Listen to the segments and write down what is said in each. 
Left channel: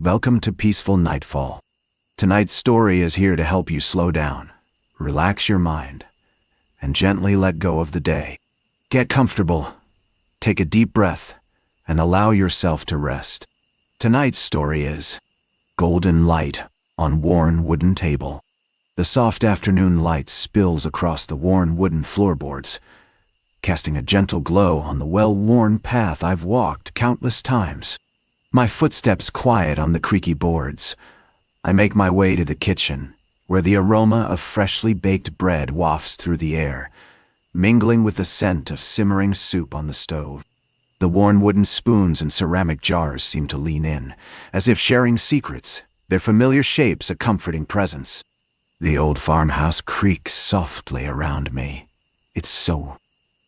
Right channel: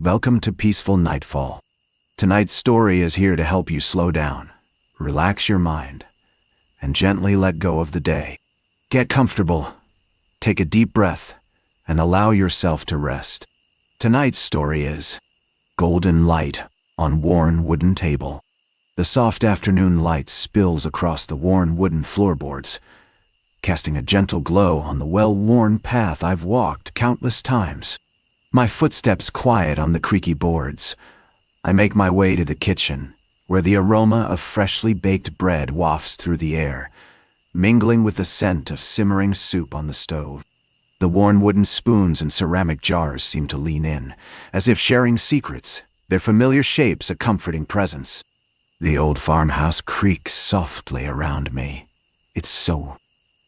Welcome to Peaceful Nightfall. Tonight's story is here to help you slow down, relax your mind, and gently let go of the day. Get comfortable, take a deep breath, and allow yourself to rest. Tonight's story is Golden Light on Worn Wooden Table. The soft afternoon light spills across the worn wooden floorboards, casting a gentle glow on the well-worn path I've walked countless times. My footsteps quiet on the creaky boards. I make my way to the kitchen, where the aroma of freshly baked bread wafts through the air, mingling with the scent of simmering soup on the stove. The worn wooden spoons and ceramic jars seem to lean in, as if sharing secrets, their familiar shapes a comforting presence. The old farmhouse creaks softly around me. It's so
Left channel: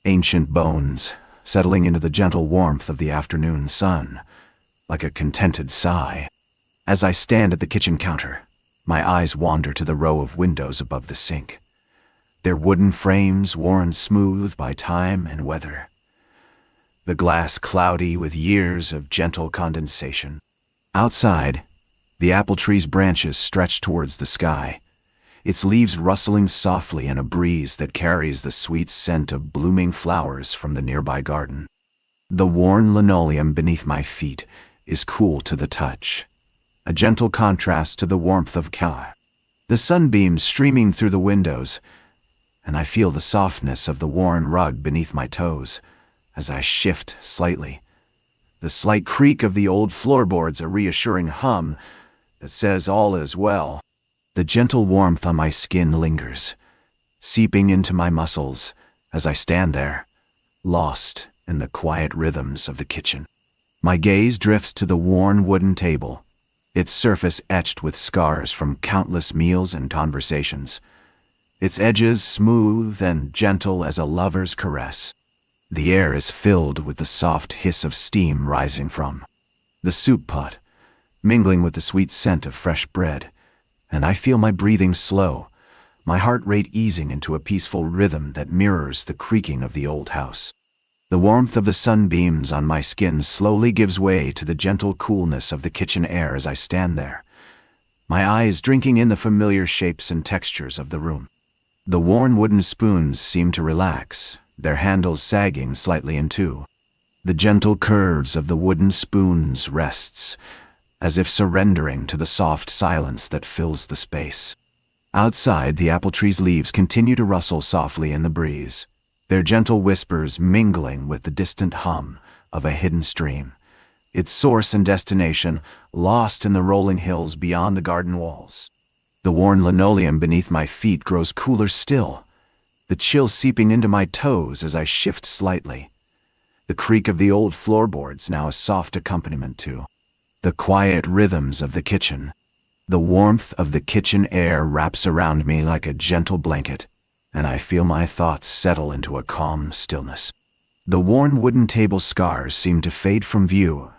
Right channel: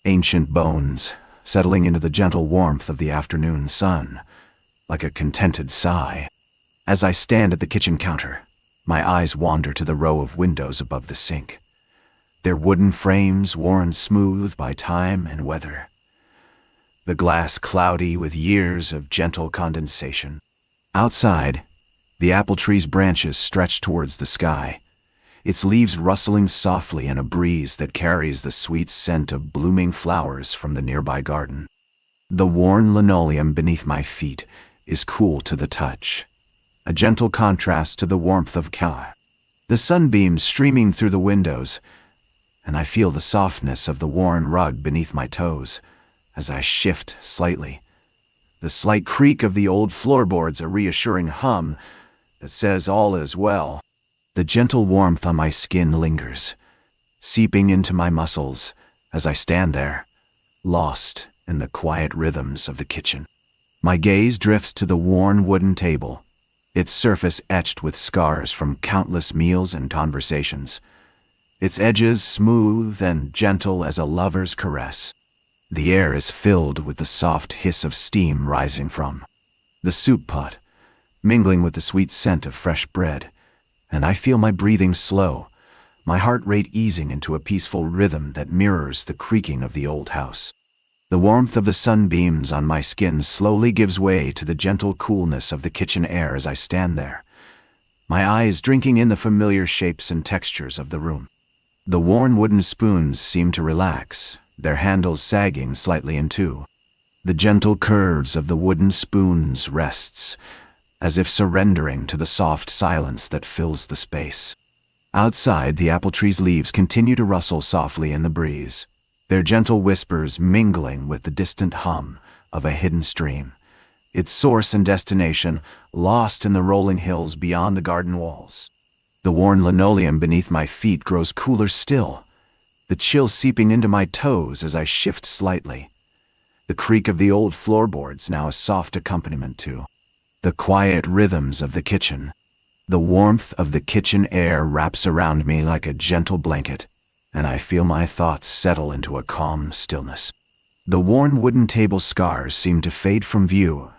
ancient bones, settling into the gentle warmth of the afternoon sun, like a contented sigh. As I stand at the kitchen counter, my eyes wander to the row of windows above the sink, their wooden frames worn smooth by time and weather, the glass cloudy with years of gentle condensation. Outside, the apple tree's branches stretch towards the sky, its leaves rustling softly in a breeze that carries the sweet scent of blooming flowers from the nearby garden. The worn linoleum beneath my feet is cool to the touch, a gentle contrast to the warmth of Ka. The sunbeams streaming through the windows, and I feel the softness of the worn rug beneath my toes as I shift slightly. The slight creak of the old floorboards, a reassuring hum that says all is well. The gentle warmth on my skin lingers, seeping into my muscles as I stand there, lost in the quiet rhythms of the kitchen. My gaze drifts to the worn wooden table, its surface etched with scars from countless meals and conversations, its edges smooth and gentle as a lover's caress. The air is filled with the soft hiss of steam rising from the soup pot, mingling with the sweet scent of fresh bread, and I feel my breathing slow, my heart rate easing into a peaceful rhythm that mirrors the creaking of the old house. The warmth of the sunbeams on my skin slowly gives way to the gentle coolness of the kitchen air as I stand there, my eyes drinking in the familiar shapes and textures of the room. The worn wooden spoons seem to relax, their handles sagging slightly in two. The gentle curves of the wooden spoons rests, as if surrendering to the soft silence that fills the space. Outside, the apple tree's leaves continue to rustle softly in the breeze, their gentle whispers mingling with the distant hum of a hidden stream, its source and destination lost in the rolling hills beyond the garden walls. The worn linoleum beneath my feet grows cooler still, the chill seeping into my toes as I shift slightly. The creak of the old floorboards now a soft accompaniment to the quiet rhythms of the kitchen. The warmth of the kitchen air wraps around me like a gentle blanket, and I feel my thoughts settle into a calm stillness. The worn wooden table scars seem to fade from view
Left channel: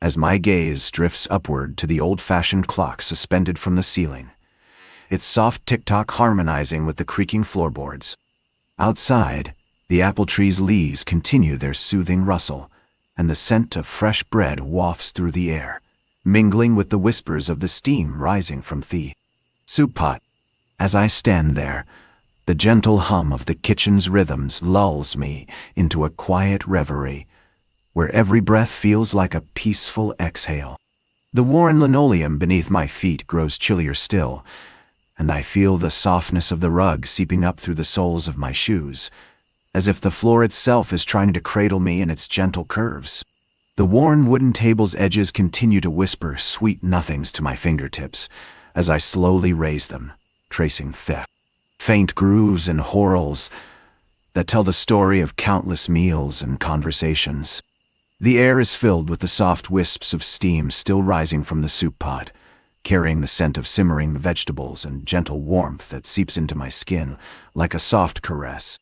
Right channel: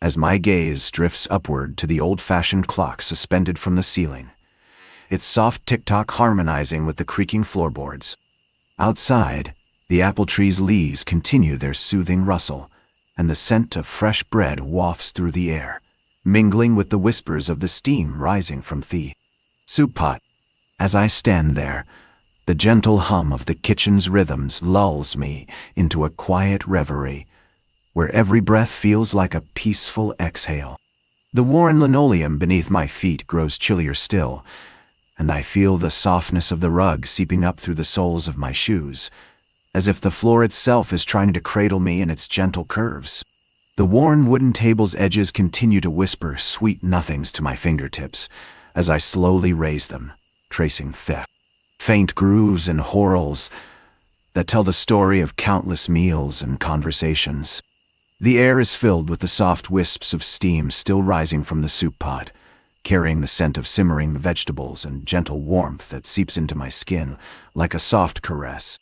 as my gaze drifts upward to the old-fashioned clock suspended from the ceiling, its soft tick-tock harmonizing with the creaking floorboards. Outside, the apple tree's leaves continue their soothing rustle, and the scent of fresh bread wafts through the air, mingling with the whispers of the steam rising from the soup pot. As I stand there, the gentle hum of the kitchen's rhythms lulls me into a quiet reverie, where every breath feels like a peaceful exhale. The worn linoleum beneath my feet grows chillier still, and I feel the softness of the rug seeping up through the soles of my shoes, as if the floor itself is trying to cradle me in its gentle curves. The worn wooden table's edges continue to whisper sweet nothings to my fingertips as I slowly raise them, tracing faint grooves and whorls that tell the story of countless meals and conversations. The air is filled with the soft wisps of steam still rising from the soup pot, carrying the scent of simmering vegetables and gentle warmth that seeps into my skin like a soft caress.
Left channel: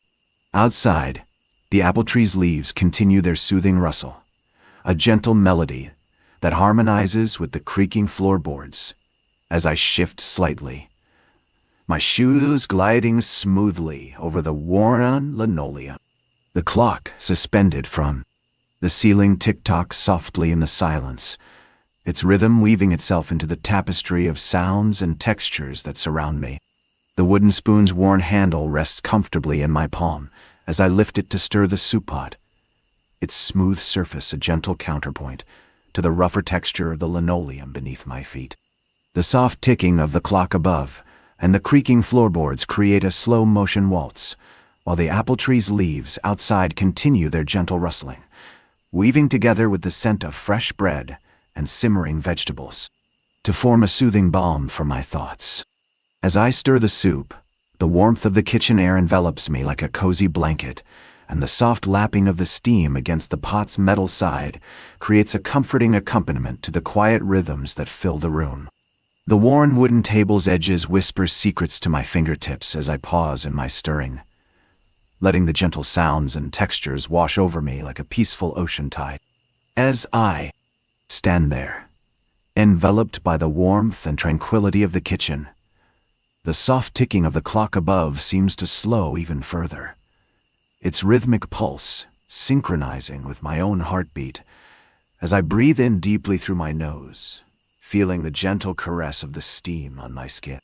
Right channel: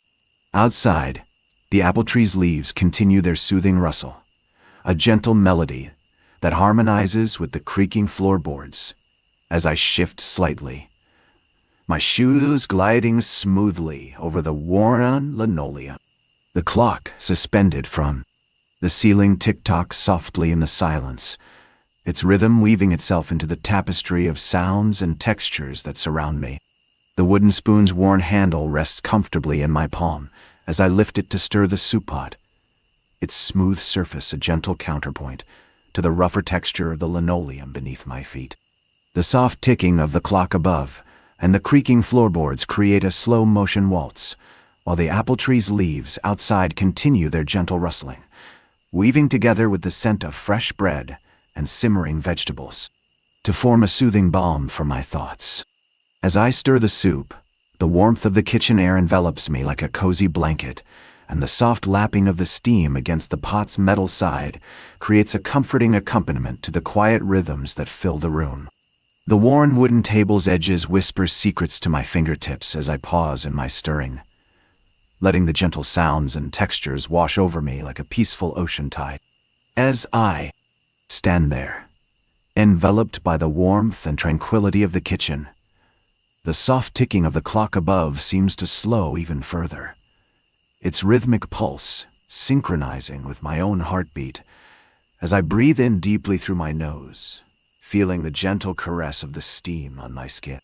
Outside, the apple tree's leaves continue their soothing rustle, a gentle melody that harmonizes with the creaking floorboards as I shift slightly, my shoes gliding smoothly over the worn linoleum. The clock, suspended from the ceiling, tick-tocks softly in the silence, its rhythm weaving itself into the tapestry of sounds and textures that surround me. The wooden spoon's worn handle rests comfortably in my palm as I lift it to stir the soup pot, its smooth surface a gentle counterpoint to the rougher texture of the linoleum beneath my feet. The soft ticking of the clock above and the creaking floorboards create a slow-motion waltz, while the apple tree's leaves outside continue their gentle rustling, weaving together with the scent of fresh bread and simmering vegetables, to form a soothing balm for my thoughts. As I stir the soup, the warmth of the kitchen air envelops me like a cozy blanket, and the soft lapping of the steam against the pot's metal side creates a comforting accompaniment to the quiet rhythms that fill the room. The worn wooden table's edges whisper secrets to my fingertips as I pause in my stirring, letting the gentle sounds and textures wash over me like a peaceful ocean tide. As I stand there, enveloped by the warmth and tranquility of the kitchen, the soft ticking of the clock above seems to slow even further, its rhythmic pulse synchronizing with my own heartbeat as I breathe in deeply through my nose, feeling the gentle caress of the steam on my skin.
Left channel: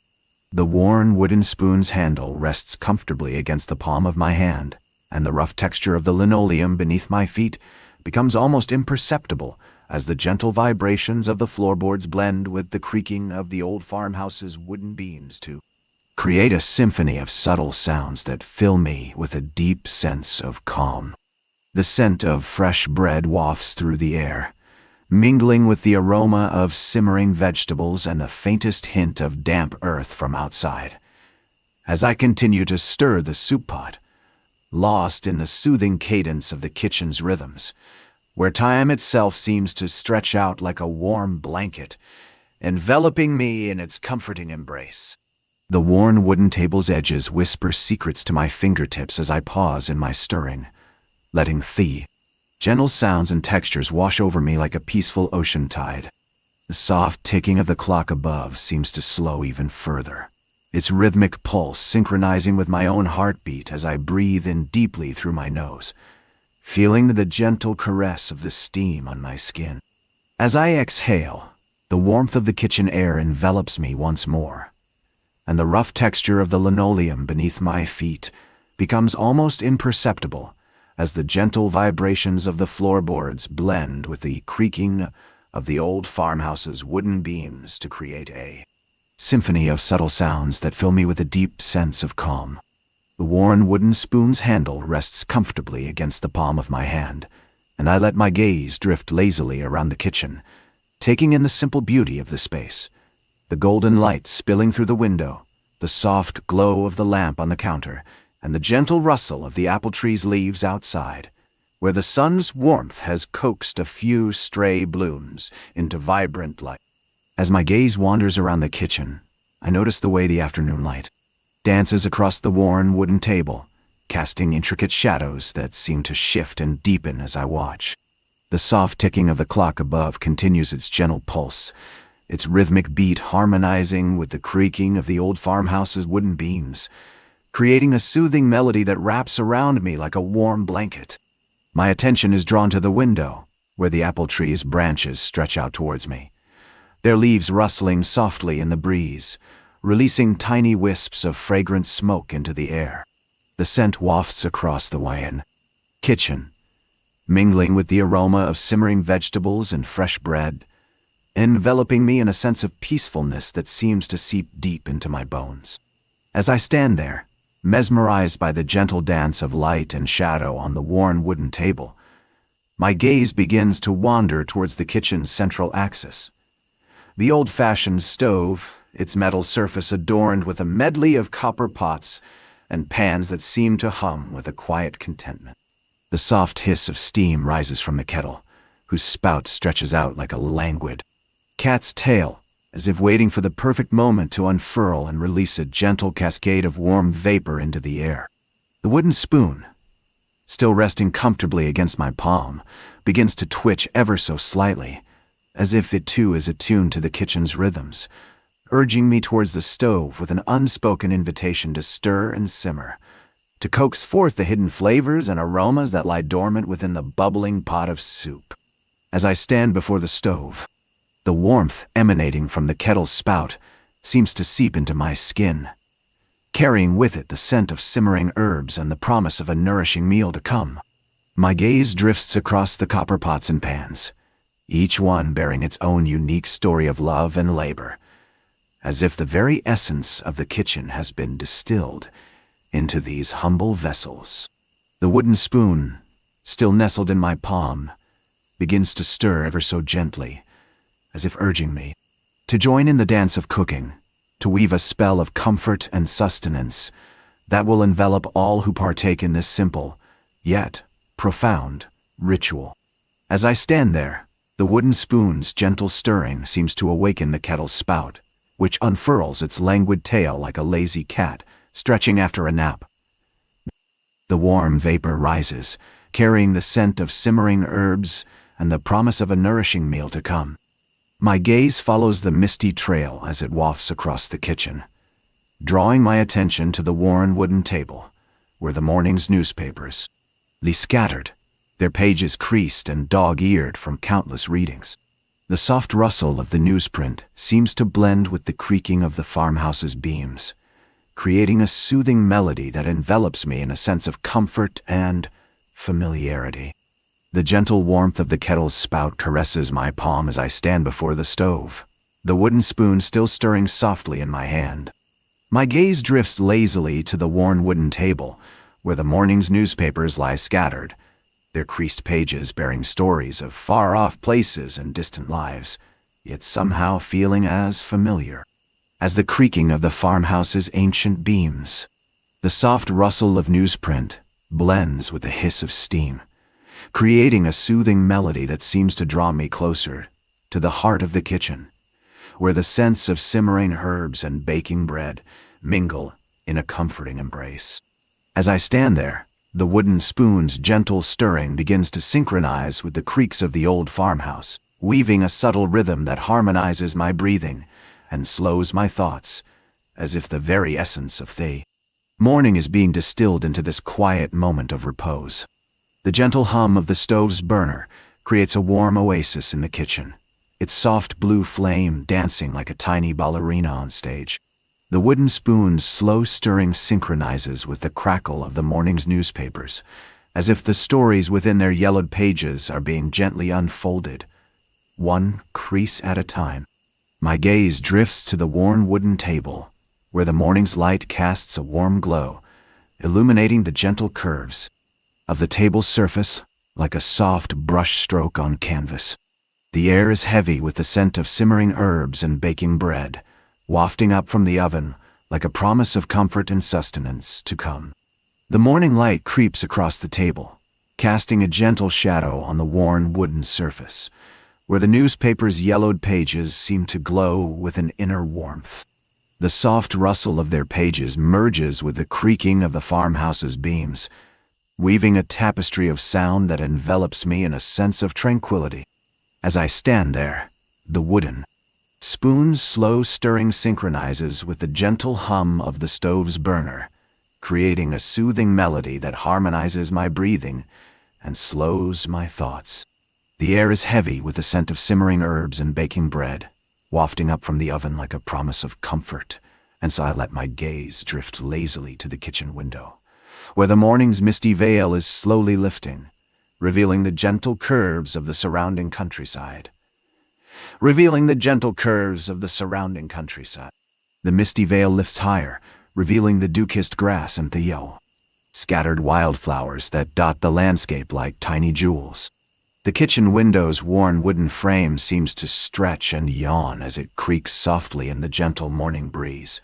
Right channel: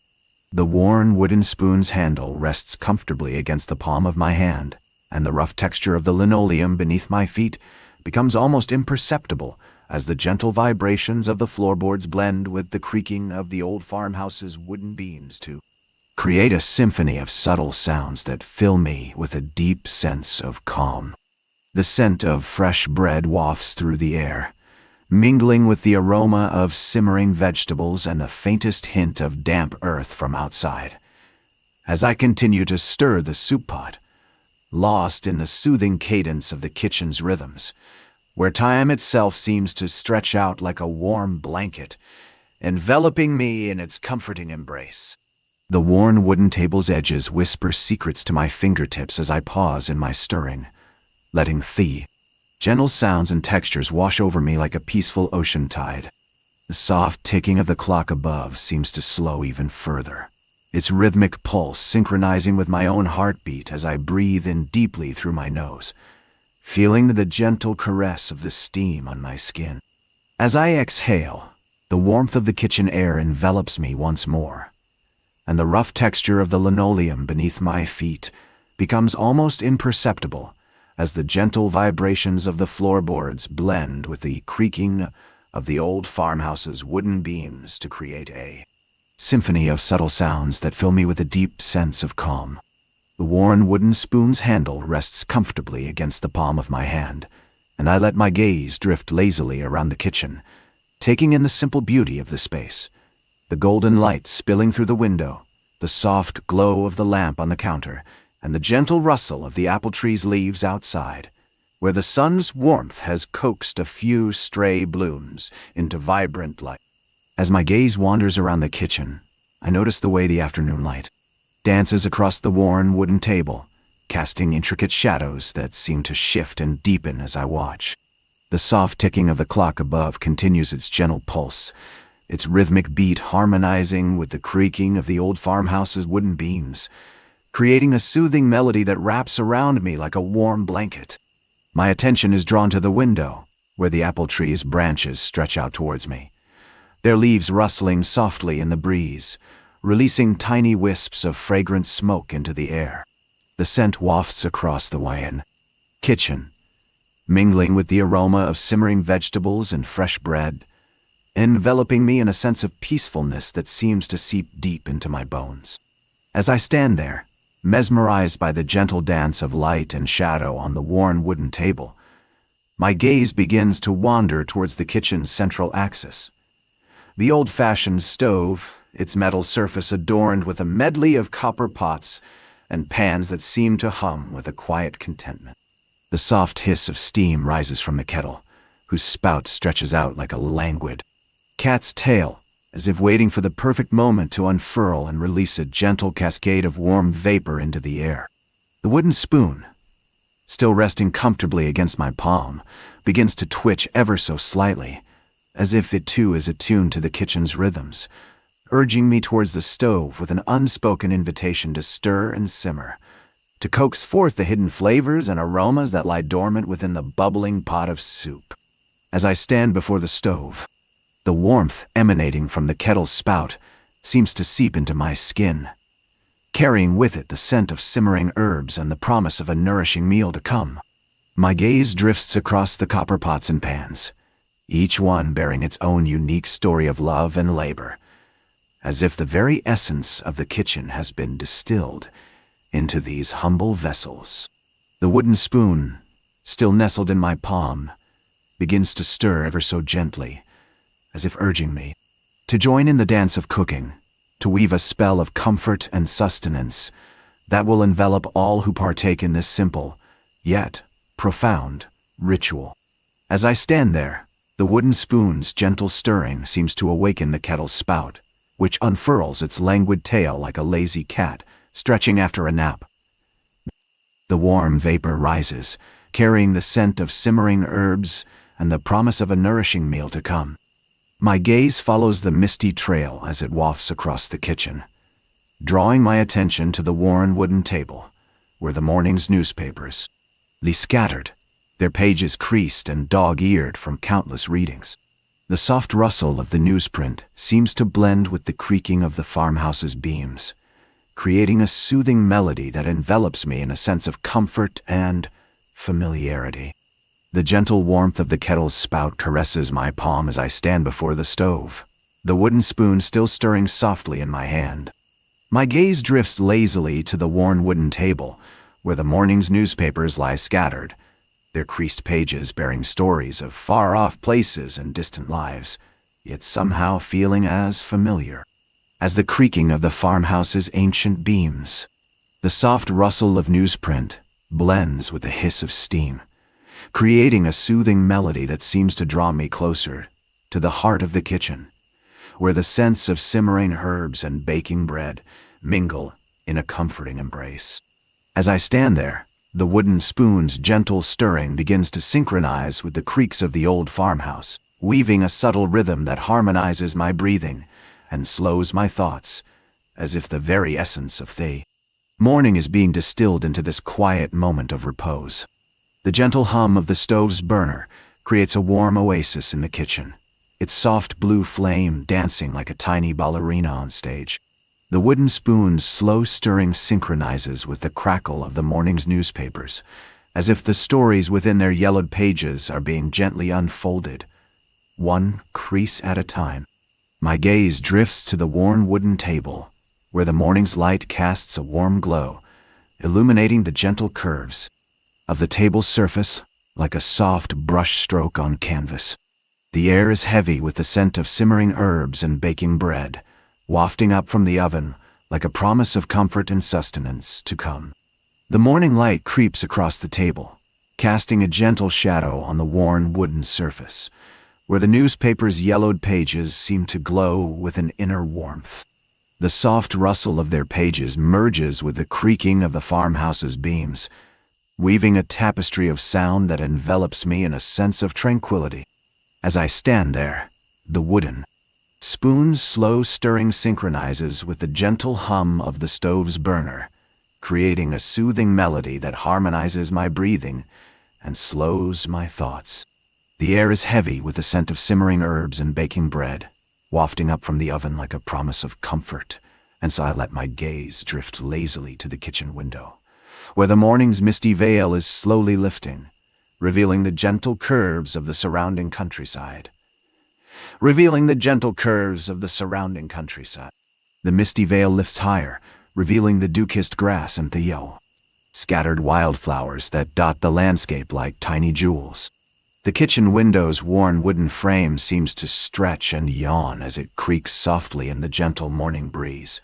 The worn wooden spoon's handle rests comfortably against the palm of my hand, and the rough texture of the linoleum beneath my feet becomes almost imperceptible as the gentle vibrations of the floorboards blend with the creaking of the old farmhouse's wooden beams to create a symphony of subtle sounds that fill me with a deep sense of calm. The scent of fresh bread wafts through the air, mingling with the aroma of simmering vegetables and the faintest hint of damp earth from outside. As I continue to stir the soup pot, lost in the soothing cadence of the kitchen's rhythms, where time itself seems to stretch out like a warm blanket, enveloping me in its comforting embrace. The worn wooden table's edges whisper secrets to my fingertips as I pause in my stirring, letting the gentle sounds and textures wash over me like a peaceful ocean tide. The soft ticking of the clock above seems to slow even further, its rhythmic pulse synchronizing with my own heartbeat as I breathe in deeply through my nose, feeling the gentle caress of the steam on my skin. As I exhale, the warmth of the kitchen air envelops me once more, and the rough texture of the linoleum beneath my feet becomes almost imperceptible as the gentle vibrations of the floorboards blend with the creaking of the old farmhouse's wooden beams to create a symphony of subtle sounds that fill me with a deep sense of calm. The worn wooden spoon's handle rests comfortably against the palm of my hand, and I let my gaze drift lazily around the kitchen, taking in the simple beauty of the space. The golden light spilling through the window, the soft glow of the lamp on the counter, and the gentle rustle of the apple tree's leaves outside, where the sun's warmth has coaxed a few stray blooms into vibrant light. As my gaze wanders around the kitchen, I notice the way the afternoon light dances across the worn wooden table, casting intricate shadows that seem to shift and deepen as I watch. The soft ticking of the clock above continues its gentle pulse, its rhythmic beat harmonizing with the creaking of the old farmhouse's wooden beams, creating a soothing melody that wraps around me like a warm blanket. My attention is drawn to the window, where the apple tree's branches stretch out towards me, their leaves rustling softly in the breeze, releasing tiny wisps of fragrant smoke into the air. The scent wafts across the wide kitchen, mingling with the aroma of simmering vegetables and fresh bread, enveloping me in a sense of peacefulness that seems to seep deep into my bones. As I stand there, mesmerized by the gentle dance of light and shadow on the worn wooden table, my gaze begins to wander towards the kitchen's central axis. The old-fashioned stove, its metal surface adorned with a medley of copper pots and pans that seem to hum with a quiet contentment. The soft hiss of steam rises from the kettle, whose spout stretches out like a languid cat's tail, as if waiting for the perfect moment to unfurl and release a gentle cascade of warm vapor into the air. The wooden spoon, still resting comfortably against my palm, begins to twitch ever so slightly, as if it too is attuned to the kitchen's rhythms, urging me towards the stove with an unspoken invitation to stir and simmer, to coax forth the hidden flavors and aromas that lie dormant within the bubbling pot of soup. As I stand before the stove, The warmth emanating from the kettle's spout seems to seep into my skin, carrying with it the scent of simmering herbs and the promise of a nourishing meal to come. My gaze drifts across the copper pots and pans, each one bearing its own unique story of love and labor, as if the very essence of the kitchen has been distilled into these humble vessels. The wooden spoon, still nestled in my palm, begins to stir ever so gently, as if urging me to join in the dance of cooking, to weave a spell of comfort and sustenance that will envelop all who partake in this simple, yet profound, ritual. As I stand there, the wooden spoon's gentle stirring seems to awaken the kettle's spout, which unfurls its languid tail like a lazy cat stretching after a nap. The warm vapor rises, carrying the scent of simmering herbs and the promise of a nourishing meal to come. My gaze follows the misty trail as it wafts across the kitchen, drawing my attention to the worn wooden table, where the morning's newspapers lay scattered, their pages creased and dog-eared from countless readings. The soft rustle of the newsprint seems to blend with the creaking of the farmhouse's beams, creating a soothing melody that envelops me in a sense of comfort and familiarity. The gentle warmth of the kettle's spout caresses my palm as I stand before the stove, the wooden spoon still stirring softly in my hand. My gaze drifts lazily to the worn wooden table, where the morning's newspapers lie scattered, their creased pages bearing stories of far-off places and distant lives, yet somehow feeling as familiar as the creaking of the farmhouse's ancient beams. The soft rustle of newsprint blends with the hiss of steam, creating a soothing melody that seems to draw me closer to the heart of the kitchen, where the scents of simmering herbs and baking bread mingle in a comforting embrace. As I stand there, the wooden spoon's gentle stirring begins to synchronize with the creaks of the old farmhouse, weaving a subtle rhythm that harmonizes my breathing and slows my thoughts, as if the very essence of the morning is being distilled into this quiet moment of repose. The gentle hum of the stove's burner creates a warm oasis in the kitchen, its soft blue flame dancing like a tiny ballerina on stage. The wooden spoon's slow stirring synchronizes with the crackle of the morning's newspapers, as if the stories within their yellowed pages are being gently unfolded, one crease at a time. My gaze drifts to the worn wooden table, where the morning's light casts a warm glow, illuminating the gentle curves of the table's surface like a soft brush stroke on canvas. The air is heavy with the scent of simmering herbs and baking bread, wafting up from the oven like a promise of comfort and sustenance to come. The morning light creeps across the table, casting a gentle shadow on the worn wooden surface, where the newspaper's yellowed pages seem to glow with an inner warmth. The soft rustle of their pages merges with the creaking of the farmhouse's beams, weaving a tapestry of sound that envelops me in a sense of tranquility. As I stand there, the wooden spoon's slow stirring synchronizes with the gentle hum of the stove's burner, creating a soothing melody that harmonizes my breathing and slows my thoughts. The air is heavy with the scent of simmering herbs and baking bread, wafting up from the oven like a promise of comfort, and so I let my gaze drift lazily to the kitchen window, where the morning's misty veil is slowly lifting, revealing the gentle curves of the surrounding countryside. The misty veil lifts higher, revealing the dew-kissed grass and the yellow, scattered wildflowers that dot the landscape like tiny jewels. The kitchen window's worn wooden frame seems to stretch and yawn as it creaks softly in the gentle morning breeze,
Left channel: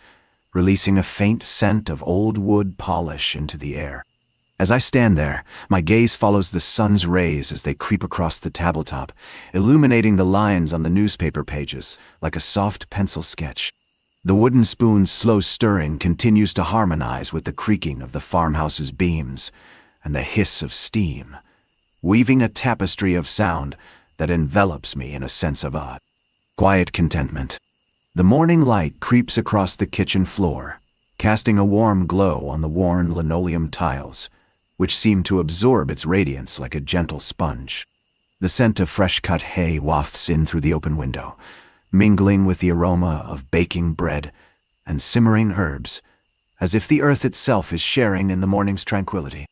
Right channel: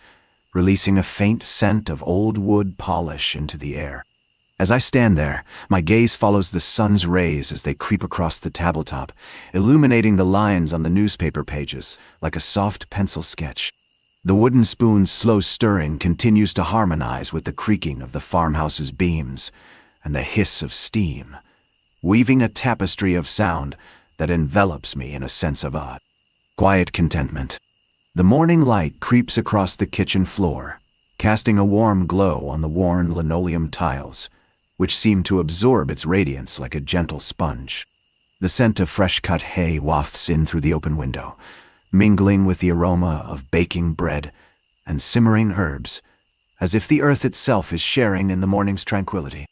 releasing a faint scent of old wood polish into the air. As I stand there, my gaze follows the sun's rays as they creep across the tabletop, illuminating the lines on the newspaper pages like a soft pencil sketch. The wooden spoon's slow stirring continues to harmonize with the creaking of the farmhouse's beams and the hiss of steam, weaving a tapestry of sound that envelops me in a sense of quiet contentment. The morning light creeps across the kitchen floor, casting a warm glow on the worn linoleum tiles, which seem to absorb its radiance like a gentle sponge. The scent of fresh-cut hay wafts in through the open window, mingling with the aroma of baking bread and simmering herbs, as if the earth itself is sharing in the morning's tranquility.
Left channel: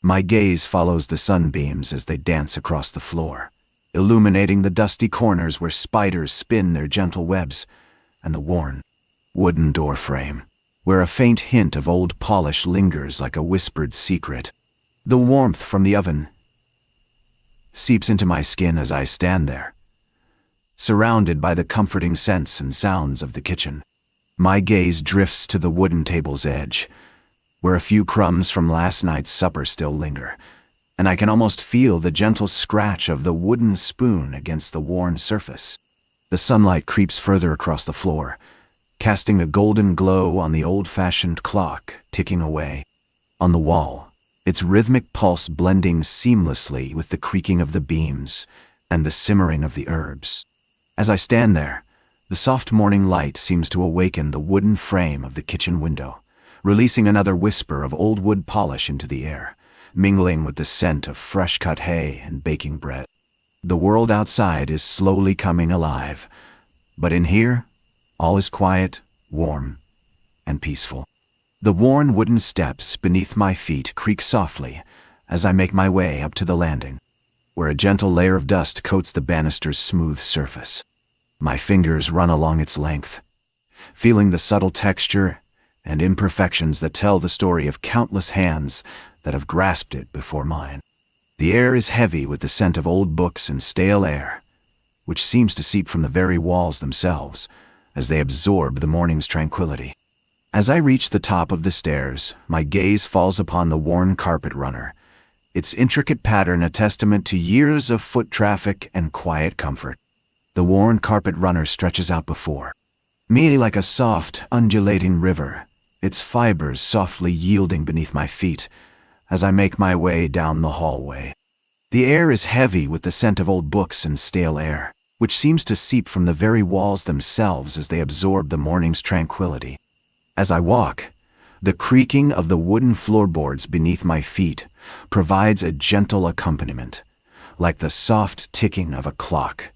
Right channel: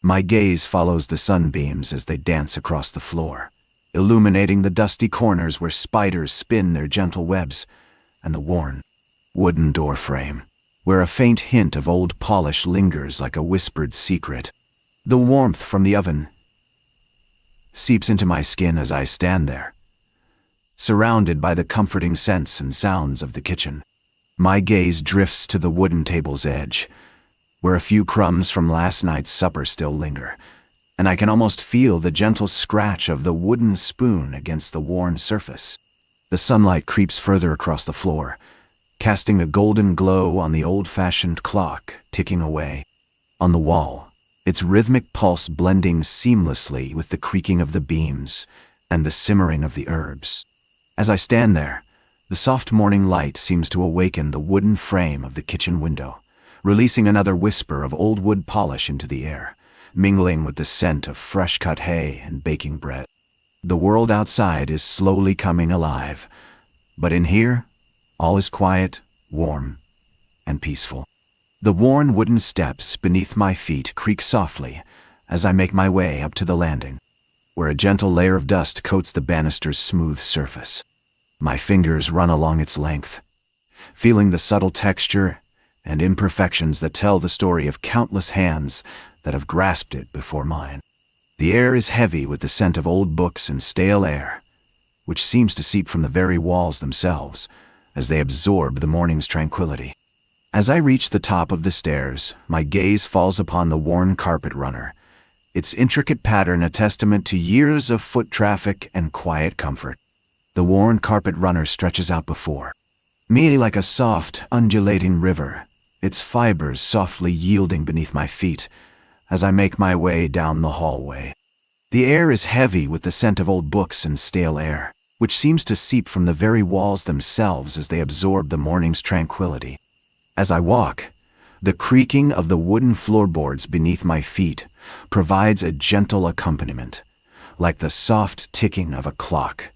My gaze follows the sunbeams as they dance across the floor, illuminating the dusty corners where spiders spin their gentle webs, and the worn, wooden door frame, where a faint hint of old polish lingers like a whispered secret. The warmth from the oven seeps into my skin as I stand there, surrounded by the comforting scents and sounds of the kitchen. My gaze drifts to the wooden table's edge, where a few crumbs from last night's supper still linger, and I can almost feel the gentle scratch of the wooden spoon against the worn surface. The sunlight creeps further across the floor, casting a golden glow on the old-fashioned clock ticking away. On the wall, its rhythmic pulse blending seamlessly with the creaking of the beams and the simmering of the herbs. As I stand there, the soft morning light seems to awaken the wooden frame of the kitchen window, releasing another whisper of old wood polish into the air, mingling with the scent of fresh-cut hay and baking bread. The world outside is slowly coming alive, but in here, all is quiet, warm, and peaceful. The worn wooden steps beneath my feet creak softly as I make my way up to the landing, where a gentle layer of dust coats the banister's smooth surface. My fingers run along its length, feeling the subtle texture and imperfections that tell the story of countless hands that have grasped it before mine. The air is heavy with the scent of old books and stale air, which seems to seep from the very walls themselves as they absorb the morning's tranquility. As I reach the top of the stairs, my gaze falls upon the worn carpet runner, its intricate pattern a testament to years of foot traffic and quiet comfort. The worn carpet runner stretches out before me like a soft, undulating river, its fibers softly yielding beneath my feet as I make my way down the hallway. The air is heavy with the scent of old books and stale air, which seems to seep from the very walls themselves as they absorb the morning's tranquility. As I walk, the creaking of the wooden floorboards beneath my feet provides a gentle accompaniment, like the soft ticking of a clock,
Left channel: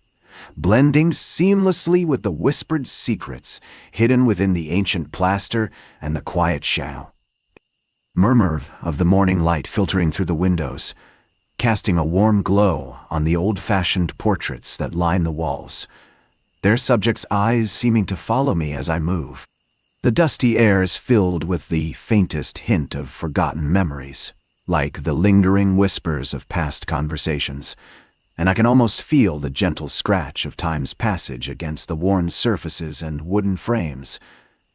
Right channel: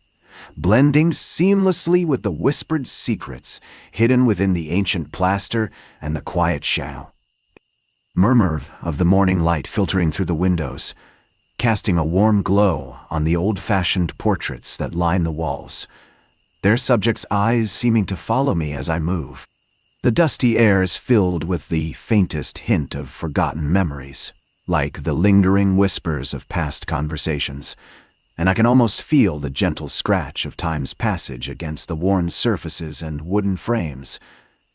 blending seamlessly with the whispered secrets hidden within the ancient plaster and the quiet murmur of the morning light filtering through the windows, casting a warm glow on the old-fashioned portraits that line the walls, their subjects' eyes seeming to follow me as I move. The dusty air is filled with the faintest hint of forgotten memories, like the lingering whispers of past conversations, and I can almost feel the gentle scratch of time's passage against the worn surfaces and wooden frames,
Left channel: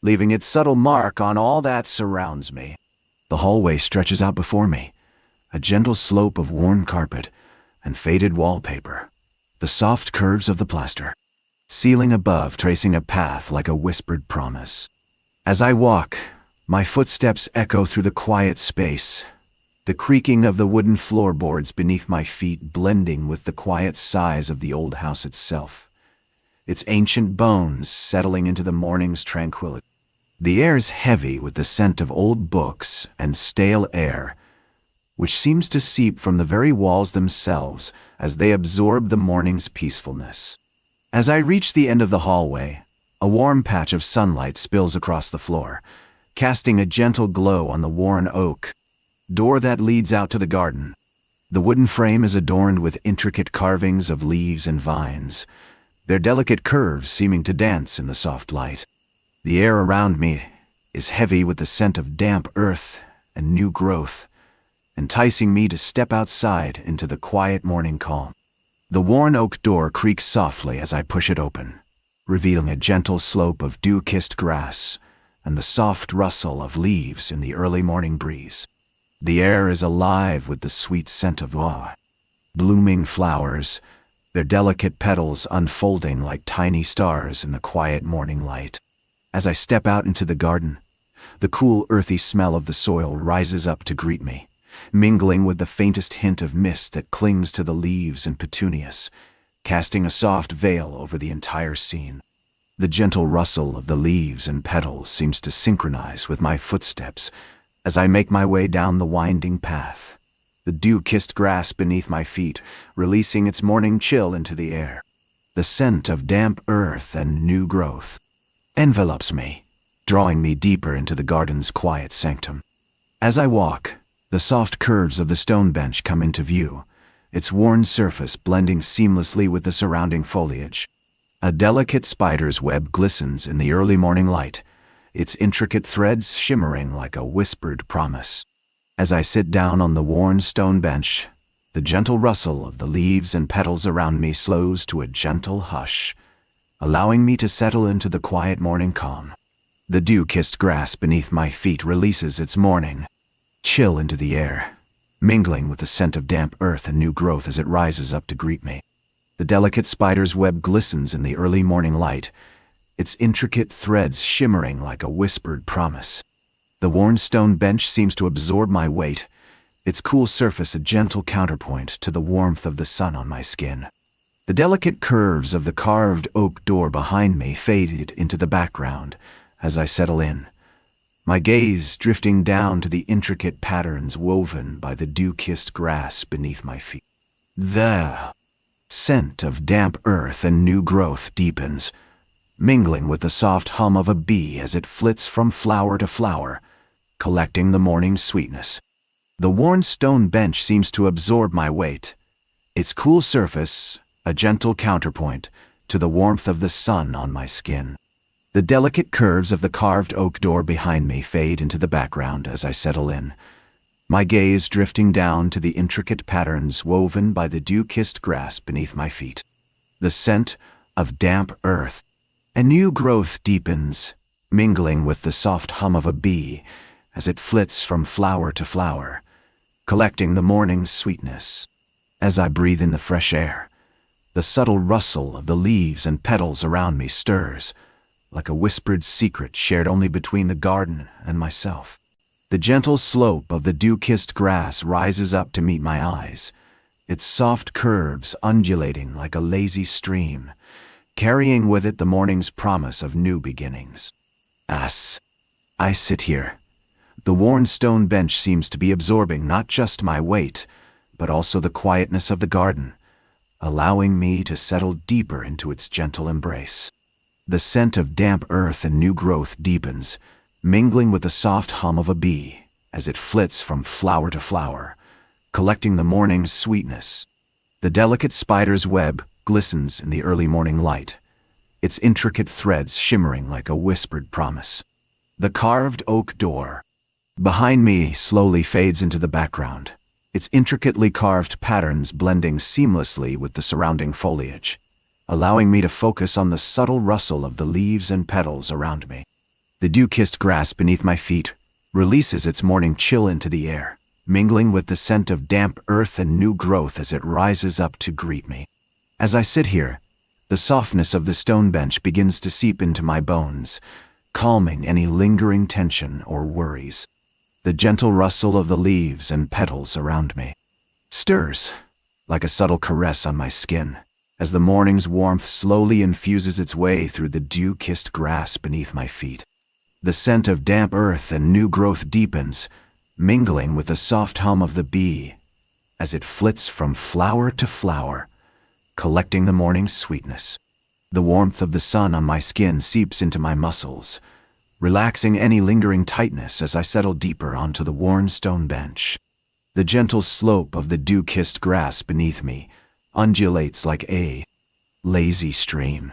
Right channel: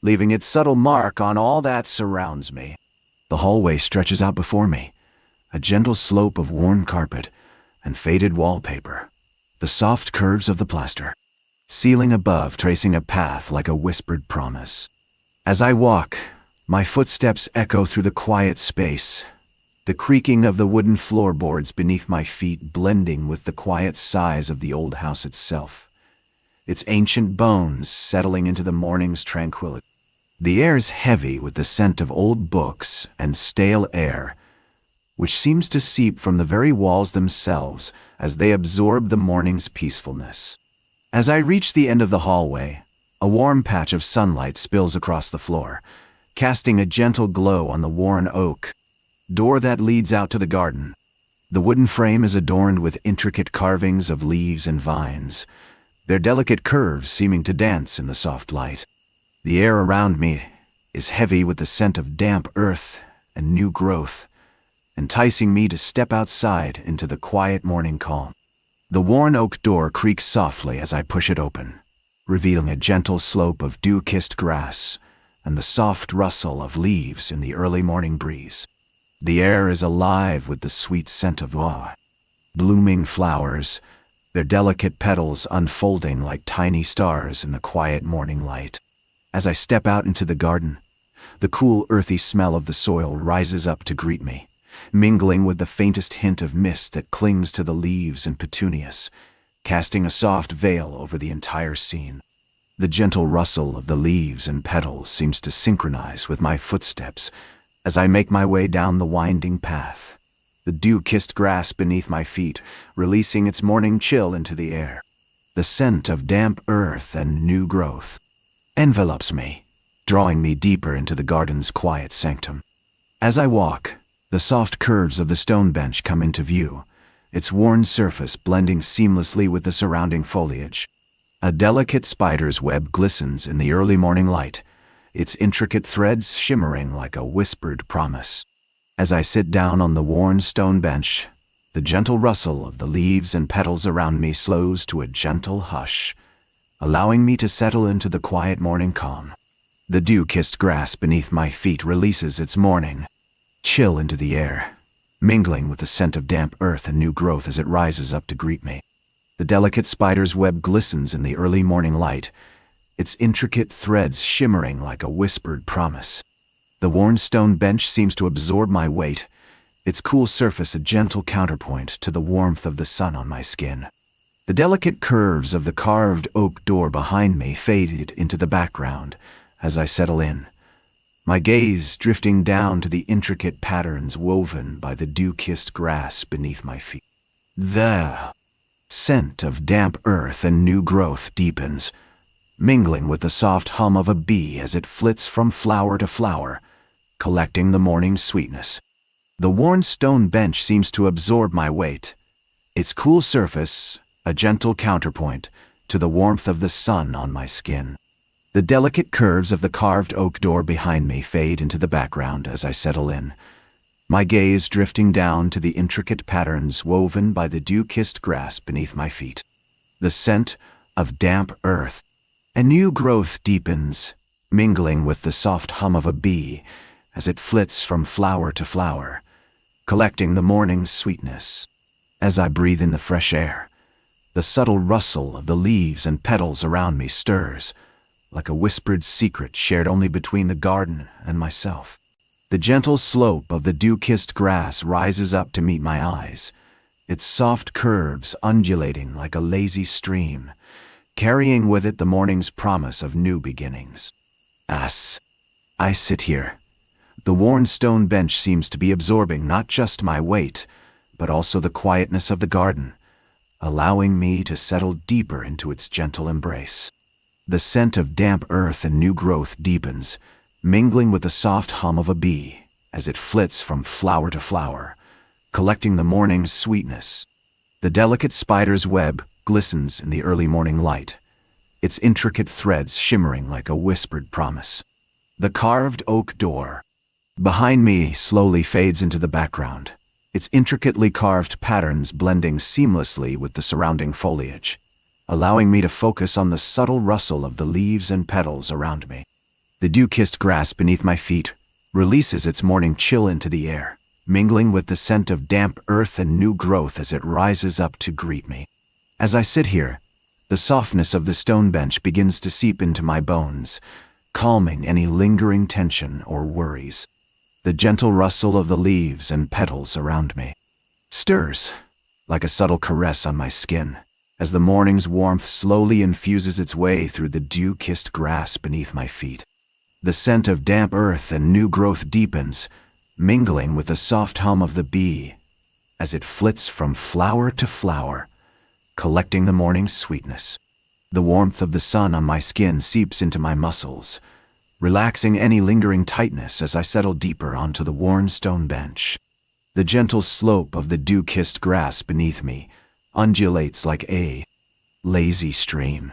leaving its subtle mark on all that surrounds me. The hallway stretches out before me, a gentle slope of worn carpet and faded wallpaper, the soft curves of the plaster, ceiling above tracing a path like a whispered promise. As I walk, my footsteps echo through the quiet space, the creaking of the wooden floorboards beneath my feet blending with the quiet sighs of the old house itself, its ancient bones settling into the morning's tranquility. The air is heavy with the scent of old books and stale air, which seems to seep from the very walls themselves as they absorb the morning's peacefulness. As I reach the end of the hallway, a warm patch of sunlight spills across the floor, casting a gentle glow on the worn oak door that leads out to the garden. The wooden frame is adorned with intricate carvings of leaves and vines, their delicate curves seeming to dance in the soft light. The air around me is heavy with the scent of damp earth and new growth, enticing me to step outside into the quiet morning calm. The worn oak door creaks softly as I push it open, revealing a gentle slope of dew-kissed grass and the soft rustle of leaves in the early morning breeze. The air is alive with the sweet scent of blooming flowers, their delicate petals unfolding like tiny stars in the quiet morning light. As I step out into the garden, the cool, earthy smell of the soil rises up to greet me, mingling with the faintest hint of mist that clings to the leaves and petunias, casting a soft veil over the entire scene. The gentle rustle of the leaves and petals seems to synchronize with my footsteps as I make my way down the winding path, the dew-kissed grass beneath my feet, releasing its morning chill into the air. The scent of damp earth and new growth envelops me, drawing me deeper into the garden's quiet sanctum. As I walk, the soft curves of the stone bench come into view, its worn surface blending seamlessly with the surrounding foliage. A delicate spider's web glistens in the early morning light, its intricate threads shimmering like a whispered promise. As I sit down on the worn stone bench, the gentle rustle of the leaves and petals around me slows to a gentle hush, allowing me to settle into the quiet morning calm. The dew-kissed grass beneath my feet releases its morning chill into the air, mingling with the scent of damp earth and new growth as it rises up to greet me. The delicate spider's web glistens in the early morning light, its intricate threads shimmering like a whispered promise. The worn stone bench seems to absorb my weight, its cool surface a gentle counterpoint to the warmth of the sun on my skin. The delicate curves of the carved oak door behind me faded into the background as I settle in, my gaze drifting down to the intricate patterns woven by the dew-kissed grass beneath my feet. The scent of damp earth and new growth deepens, mingling with the soft hum of a bee as it flits from flower to flower, collecting the morning's sweetness. The worn stone bench seems to absorb my weight, its cool surface a gentle counterpoint to the warmth of the sun on my skin. The delicate curves of the carved oak door behind me fade into the background as I settle in, my gaze drifting down to the intricate patterns woven by the dew-kissed grass beneath my feet. The scent of damp earth and new growth deepens, mingling with the soft hum of a bee as it flits from flower to flower, collecting the morning's sweetness. As I breathe in the fresh air, the subtle rustle of the leaves and petals around me stirs, like a whispered secret shared only between the garden and myself. The gentle slope of the dew-kissed grass rises up to meet my eyes, its soft curves undulating like a lazy stream, carrying with it the morning's promise of new beginnings. As I sit here, the worn stone bench seems to be absorbing not just my weight, but also the quietness of the garden, allowing me to settle deeper into its gentle embrace. The scent of damp earth and new growth deepens, mingling with the soft hum of a bee as it flits from flower to flower, collecting the morning's sweetness. The delicate spider's web glistens in the early morning light, its intricate threads shimmering like a whispered promise. The carved oak door behind me slowly fades into the background, its intricately carved patterns blending seamlessly with the surrounding foliage, allowing me to focus on the subtle rustle of the leaves and petals around me. The dew-kissed grass beneath my feet releases its morning chill into the air, mingling with the scent of damp earth and new growth as it rises up to greet me. As I sit here, the softness of the stone bench begins to seep into my bones, calming any lingering tension or worries. The gentle rustle of the leaves and petals around me stirs like a subtle caress on my skin as the morning's warmth slowly infuses its way through the dew-kissed grass beneath my feet. The scent of damp earth and new growth deepens, mingling with the soft hum of the bee as it flits from flower to flower, collecting the morning's sweetness. The warmth of the sun on my skin seeps into my muscles, relaxing any lingering tightness as I settle deeper onto the worn stone bench. The gentle slope of the dew-kissed grass beneath me undulates like a lazy stream,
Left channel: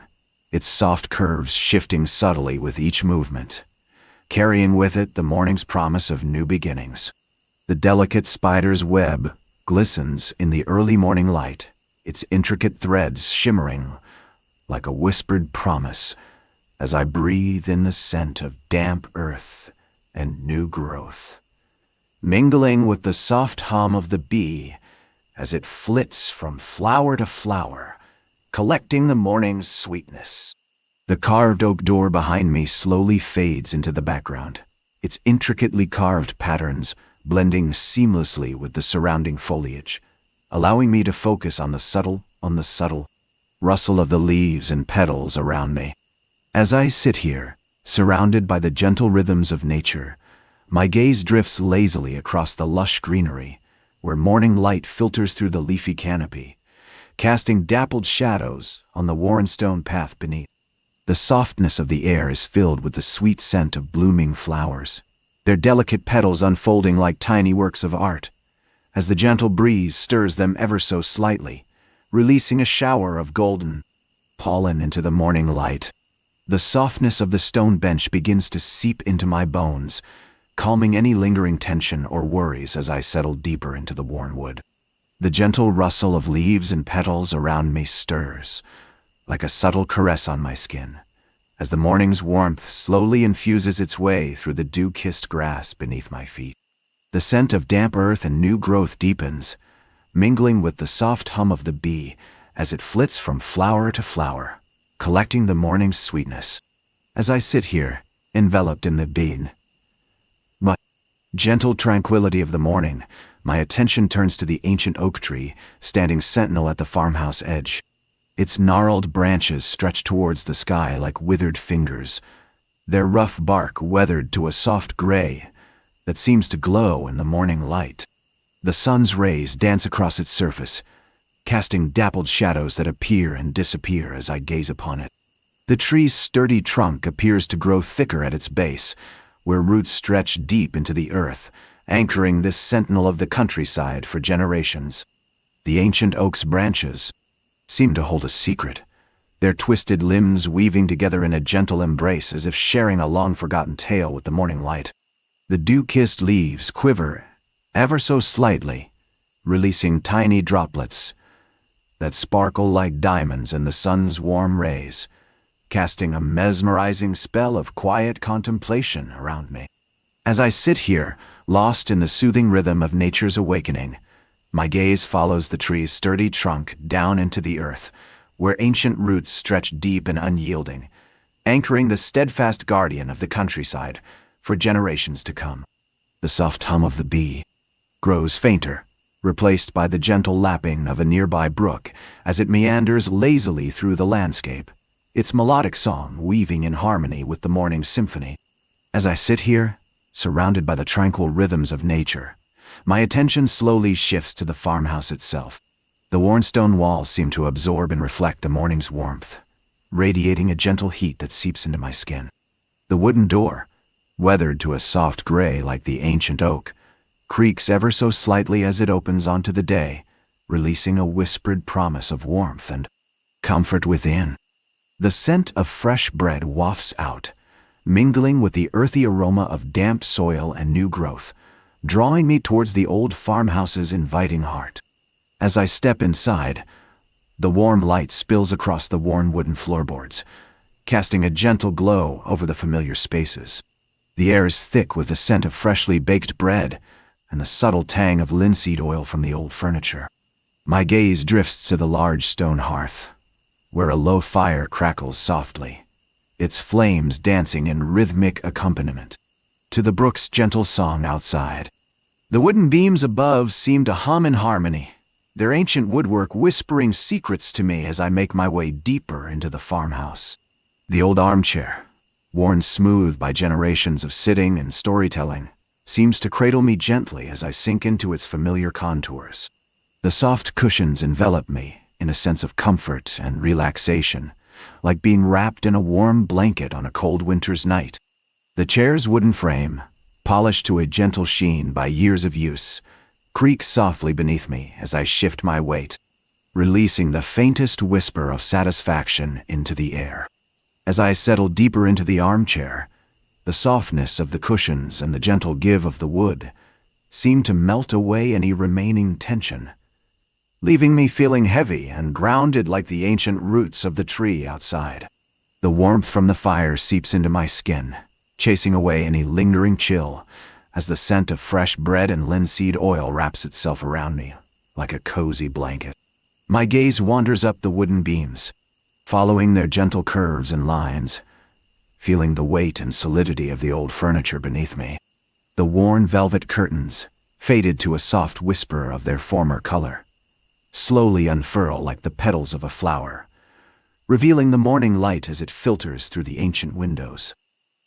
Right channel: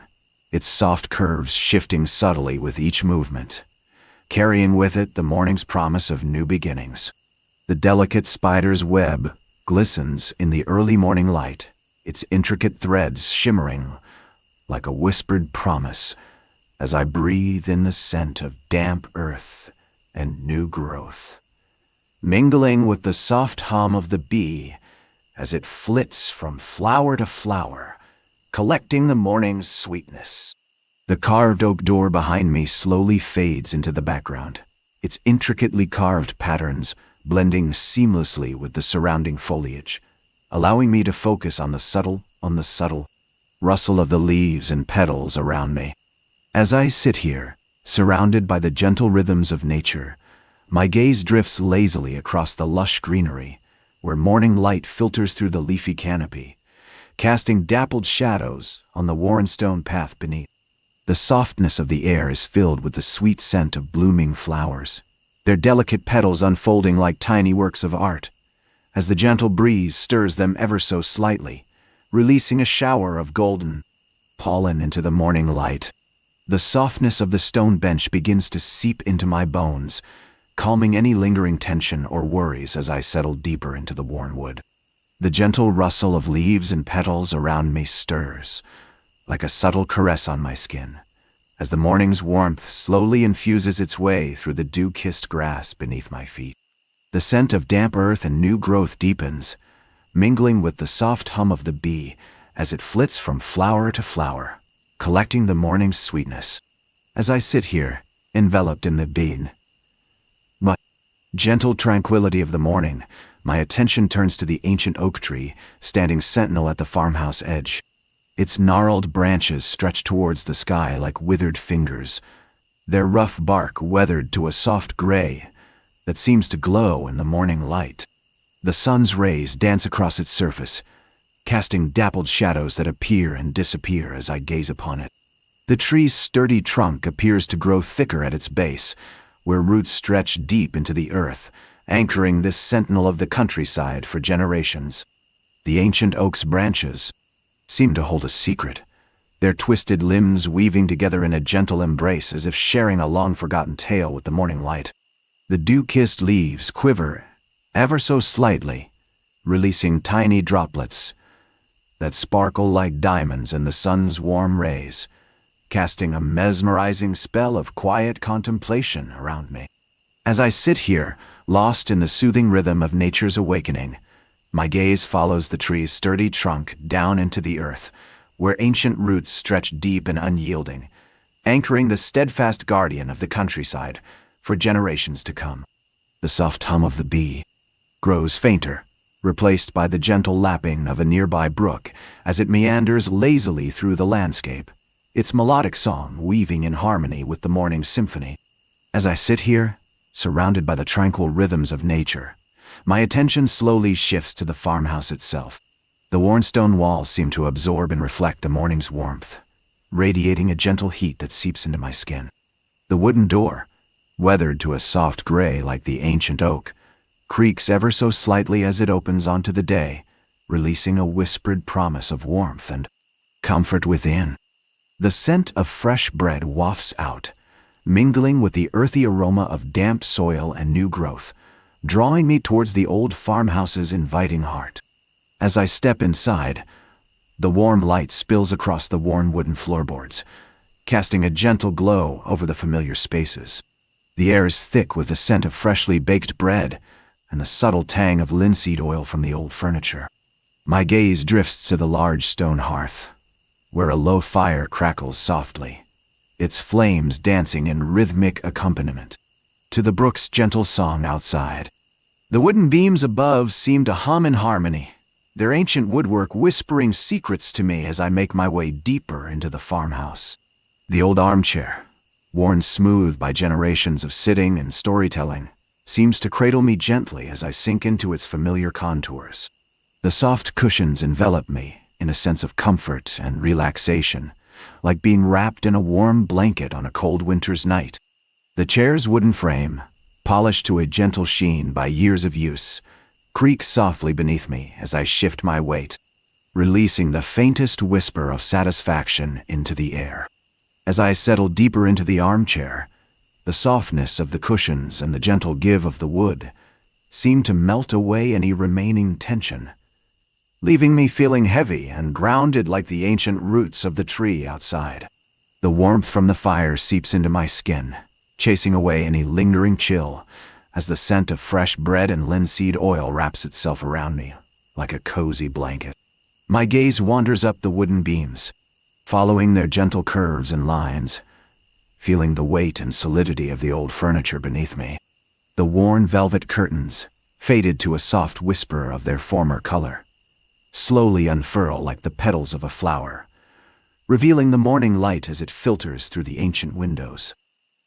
its soft curves shifting subtly with each movement, carrying with it the morning's promise of new beginnings. The delicate spider's web glistens in the early morning light, its intricate threads shimmering like a whispered promise as I breathe in the scent of damp earth and new growth, mingling with the soft hum of the bee as it flits from flower to flower, collecting the morning's sweetness. The carved oak door behind me slowly fades into the background, its intricately carved patterns blending seamlessly with the surrounding foliage, allowing me to focus on the subtle rustle of the leaves and petals around me. As I sit here, surrounded by the gentle rhythms of nature, my gaze drifts lazily across the lush greenery, where morning light filters through the leafy canopy, casting dappled shadows on the worn stone path beneath. The softness of the air is filled with the sweet scent of blooming flowers, their delicate petals unfolding like tiny works of art, as the gentle breeze stirs them ever so slightly, releasing a shower of golden pollen into the morning light. The softness of the stone bench begins to seep into my bones, calming any lingering tension or worries as I settle deeper into the worn wood. The gentle rustle of leaves and petals around me stirs, like a subtle caress on my skin, as the morning's warmth slowly infuses its way through the dew-kissed grass beneath my feet. The scent of damp earth and new growth deepens, mingling with the soft hum of the bee as it flits from flower to flower, collecting the morning's sweetness. As I sit here, enveloped in the gentle tranquility of the morning, my attention turns to the ancient oak tree standing sentinel at the farmhouse edge. Its gnarled branches stretch towards the sky like withered fingers, their rough bark weathered to a soft gray that seems to glow in the morning light. The sun's rays dance across its surface, casting dappled shadows that appear and disappear as I gaze upon it. The tree's sturdy trunk appears to grow thicker at its base, where roots stretch deep into the earth, anchoring this sentinel of the countryside for generations. The ancient oak's branches seem to hold a secret, their twisted limbs weaving together in a gentle embrace as if sharing a long-forgotten tale with the morning light. The dew-kissed leaves quiver ever so slightly, releasing tiny droplets that sparkle like diamonds in the sun's warm rays, casting a mesmerizing spell of quiet contemplation around me. As I sit here, lost in the soothing rhythm of nature's awakening, my gaze follows the tree's sturdy trunk down into the earth, where ancient roots stretch deep and unyielding, anchoring the steadfast guardian of the countryside for generations to come. The soft hum of the bee grows fainter, replaced by the gentle lapping of a nearby brook as it meanders lazily through the landscape, its melodic song weaving in harmony with the morning symphony. As I sit here, surrounded by the tranquil rhythms of nature, my attention slowly shifts to the farmhouse itself. The worn stone walls seem to absorb and reflect the morning's warmth, radiating a gentle heat that seeps into my skin. The wooden door, weathered to a soft gray like the ancient oak, creaks ever so slightly as it opens onto the day, releasing a whispered promise of warmth and comfort within. The scent of fresh bread wafts out, mingling with the earthy aroma of damp soil and new growth, drawing me towards the old farmhouse's inviting heart. As I step inside, the warm light spills across the worn wooden floorboards, casting a gentle glow over the familiar spaces. The air is thick with the scent of freshly baked bread and the subtle tang of linseed oil from the old furniture. My gaze drifts to the large stone hearth, where a low fire crackles softly, its flames dancing in rhythmic accompaniment to the brook's gentle song outside. The wooden beams above seem to hum in harmony, their ancient woodwork whispering secrets to me as I make my way deeper into the farmhouse. The old armchair, worn smooth by generations of sitting and storytelling, seems to cradle me gently as I sink into its familiar contours. The soft cushions envelop me in a sense of comfort and relaxation, like being wrapped in a warm blanket on a cold winter's night. The chair's wooden frame, polished to a gentle sheen by years of use, creaks softly beneath me as I shift my weight, releasing the faintest whisper of satisfaction into the air. As I settle deeper into the armchair, the softness of the cushions and the gentle give of the wood seem to melt away any remaining tension, leaving me feeling heavy and grounded like the ancient roots of the tree outside. The warmth from the fire seeps into my skin, chasing away any lingering chill as the scent of fresh bread and linseed oil wraps itself around me like a cozy blanket. My gaze wanders up the wooden beams, following their gentle curves and lines, feeling the weight and solidity of the old furniture beneath me. The worn velvet curtains, faded to a soft whisper of their former color, slowly unfurl like the petals of a flower, revealing the morning light as it filters through the ancient windows.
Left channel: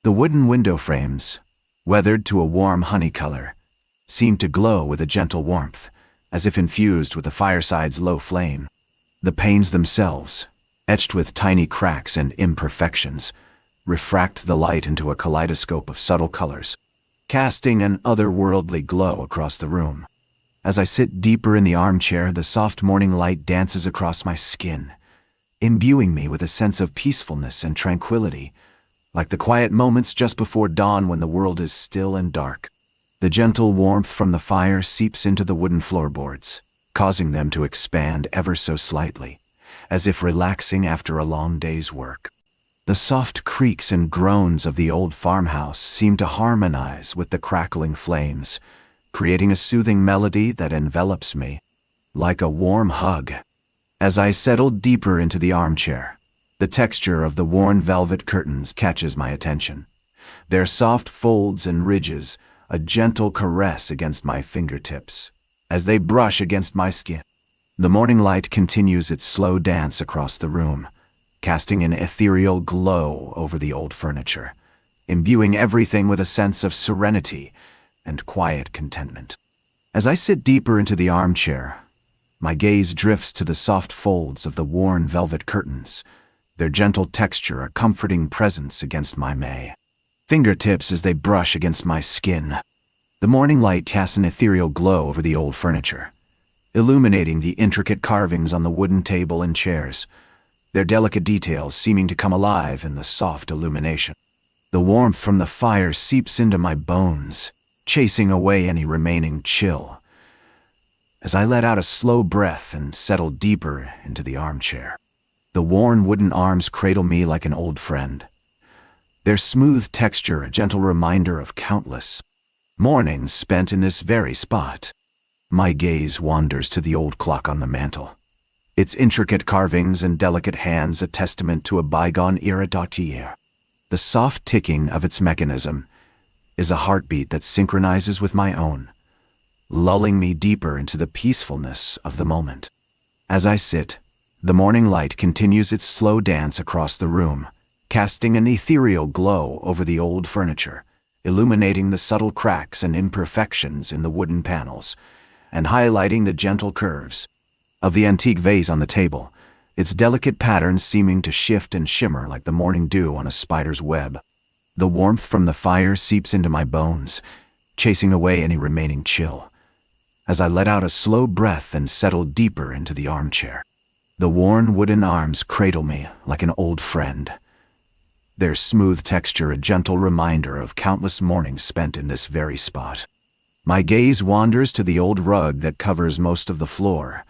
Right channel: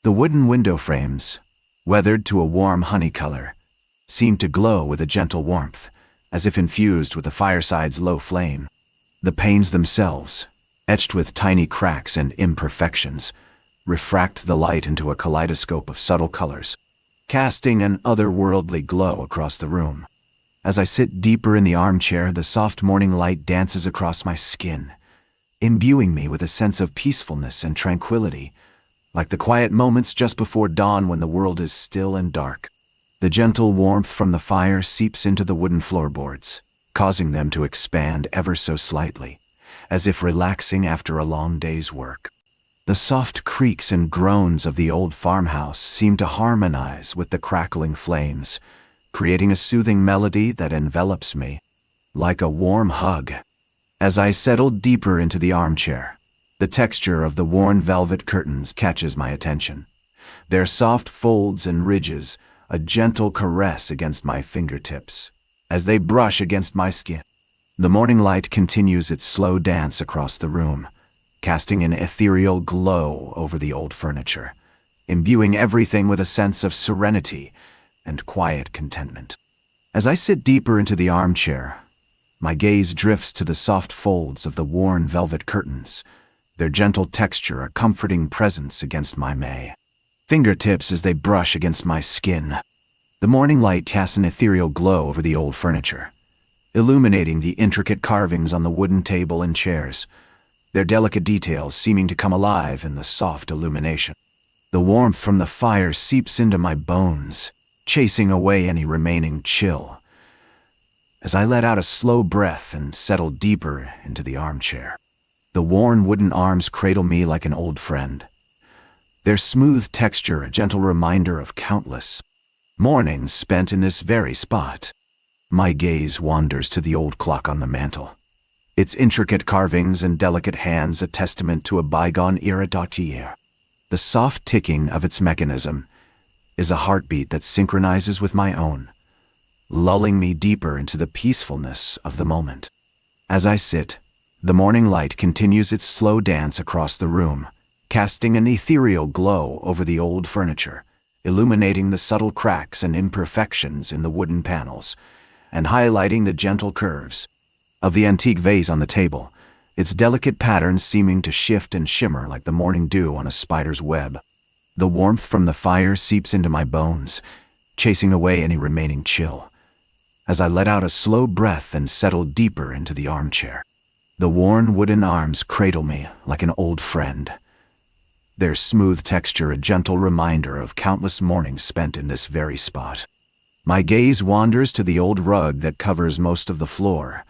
The wooden window frames, weathered to a warm honey color, seem to glow with a gentle warmth, as if infused with the fireside's low flame. The panes themselves, etched with tiny cracks and imperfections, refract the light into a kaleidoscope of subtle colors, casting an otherworldly glow across the room. As I sit deeper in the armchair, the soft morning light dances across my skin, imbuing me with a sense of peacefulness and tranquility, like the quiet moments just before dawn when the world is still and dark. The gentle warmth from the fire seeps into the wooden floorboards, causing them to expand ever so slightly, as if relaxing after a long day's work. The soft creaks and groans of the old farmhouse seem to harmonize with the crackling flames, creating a soothing melody that envelops me like a warm hug. As I settle deeper into the armchair, the texture of the worn velvet curtains catches my attention. Their soft folds and ridges, a gentle caress against my fingertips, as they brush against my skin. The morning light continues its slow dance across the room, casting an ethereal glow over the old furniture, imbuing everything with a sense of serenity and quiet contentment. As I sit deeper into the armchair, my gaze drifts to the soft folds of the worn velvet curtains, their gentle texture a comforting presence against my fingertips as they brush against my skin. The morning light casts an ethereal glow over the old furniture, illuminating the intricate carvings on the wooden table and chairs, their delicate details seeming to come alive in the soft illumination. The warmth from the fire seeps into my bones, chasing away any remaining chill, as I let out a slow breath and settle deeper into the armchair. The worn wooden arms cradle me like an old friend, their smooth texture a gentle reminder of countless mornings spent in this very spot. My gaze wanders to the old clock on the mantel, its intricate carvings and delicate hands a testament to a bygone era. The soft ticking of its mechanism is a heartbeat that synchronizes with my own, lulling me deeper into the peacefulness of the moment. As I sit, the morning light continues its slow dance across the room, casting an ethereal glow over the old furniture, illuminating the subtle cracks and imperfections in the wooden panels, and highlighting the gentle curves of the antique vase on the table, its delicate patterns seeming to shift and shimmer like the morning dew on a spider's web. The warmth from the fire seeps into my bones, chasing away any remaining chill, as I let out a slow breath and settle deeper into the armchair. The worn wooden arms cradle me like an old friend, their smooth texture a gentle reminder of countless mornings spent in this very spot. My gaze wanders to the old rug that covers most of the floor,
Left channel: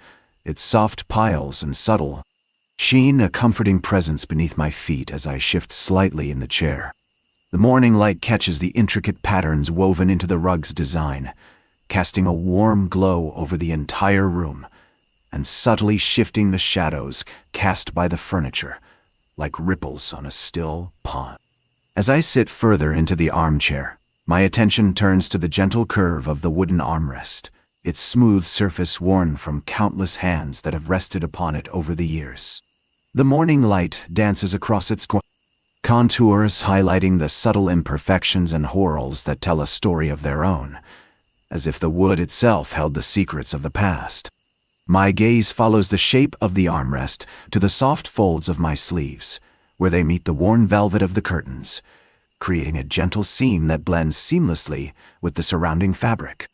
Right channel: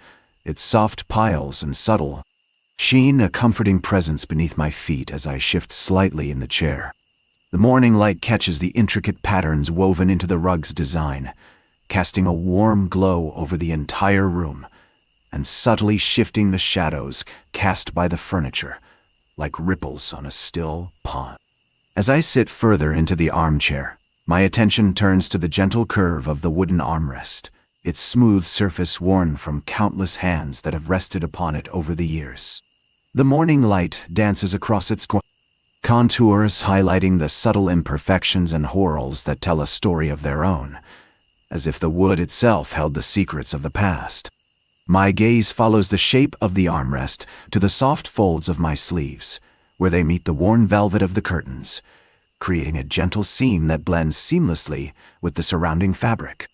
its soft piles and subtle sheen a comforting presence beneath my feet as I shift slightly in the chair. The morning light catches the intricate patterns woven into the rug's design, casting a warm glow over the entire room, and subtly shifting the shadows cast by the furniture, like ripples on a still pond. As I sit further into the armchair, my attention turns to the gentle curve of the wooden armrest, its smooth surface worn from countless hands that have rested upon it over the years. The morning light dances across its contours, highlighting the subtle imperfections and whorls that tell a story of their own, as if the wood itself held the secrets of the past. My gaze follows the shape of the armrest to the soft folds of my sleeves, where they meet the worn velvet of the curtains, creating a gentle seam that blends seamlessly with the surrounding fabric.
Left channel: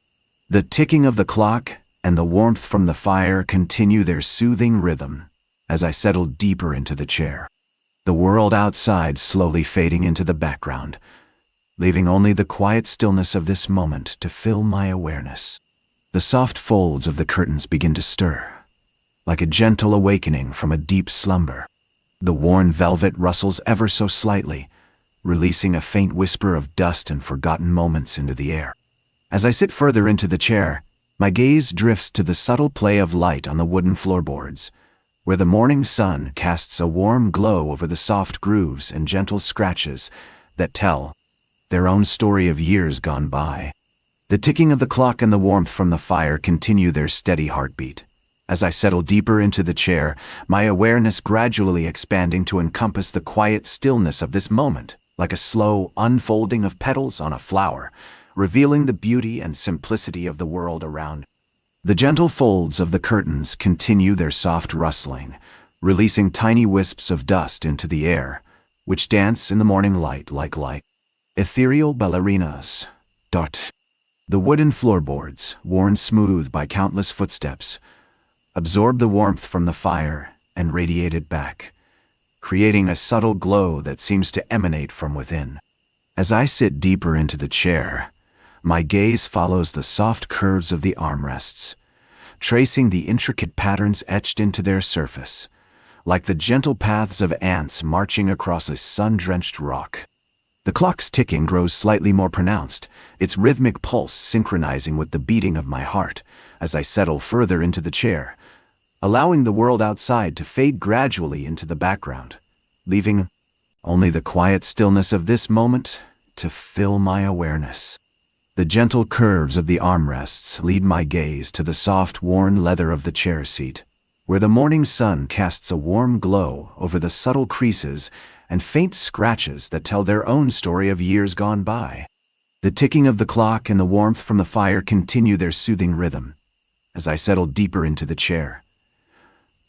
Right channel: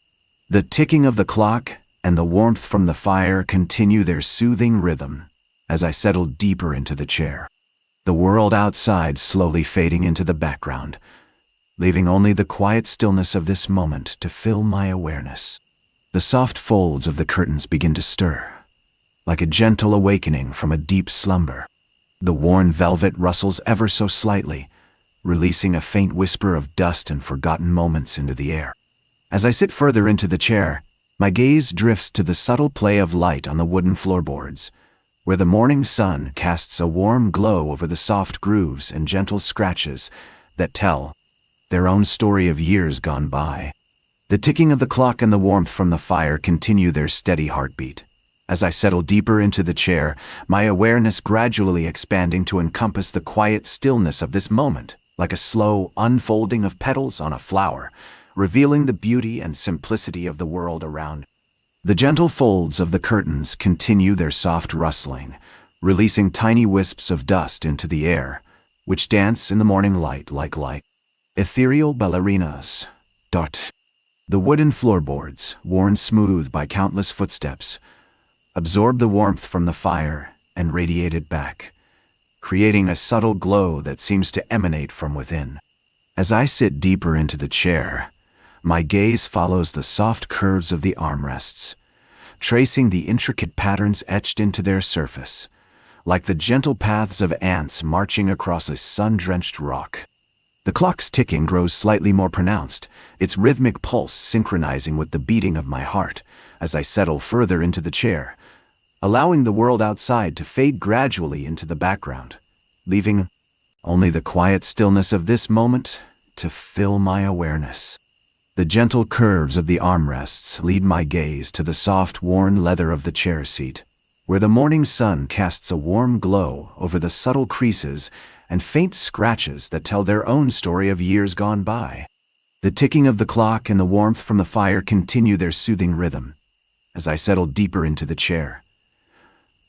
The ticking of the clock and the warmth from the fire continue their soothing rhythm as I settle deeper into the chair, the world outside slowly fading into the background, leaving only the quiet stillness of this moment to fill my awareness. The soft folds of the curtains begin to stir, like a gentle awakening from a deep slumber. The worn velvet rustles ever so slightly, releasing a faint whisper of dust and forgotten moments into the air. As I sit further into the chair, my gaze drifts to the subtle play of light on the wooden floorboards, where the morning sun casts a warm glow over the soft grooves and gentle scratches that tell their own story of years gone by. The ticking of the clock and the warmth from the fire continue their steady heartbeat. As I settle deeper into the chair, my awareness gradually expanding to encompass the quiet stillness of this moment, like a slow unfolding of petals on a flower, revealing the beauty and simplicity of the world around. The gentle folds of the curtains continue their soft rustling, releasing tiny wisps of dust into the air, which dance in the morning light like light. Ethereal ballerinas. Dot. The wooden floorboards, worn smooth by countless footsteps, absorb the warmth from the fire and radiate it back, creating a subtle glow that seems to emanate from within. As I sit deeper into the chair, my gaze follows the soft curves of the armrests, tracing the intricate patterns etched into their surface, like the gentle paths of ants marching across a sun-drenched rock. The clock's ticking grows slightly more pronounced, its rhythmic pulse synchronizing with the beating of my heart as I settle further into the chair, allowing the world outside to fade gradually into the background, leaving only the quiet stillness of this moment to fill my awareness. The gentle curves of the armrests lead my gaze to the soft, worn leather of the chair seat, where the morning sun casts a warm glow over the subtle creases and faint scratches that tell their own story of years gone by. The ticking of the clock and the warmth from the fire continue their soothing rhythm as I settle deeper into the chair,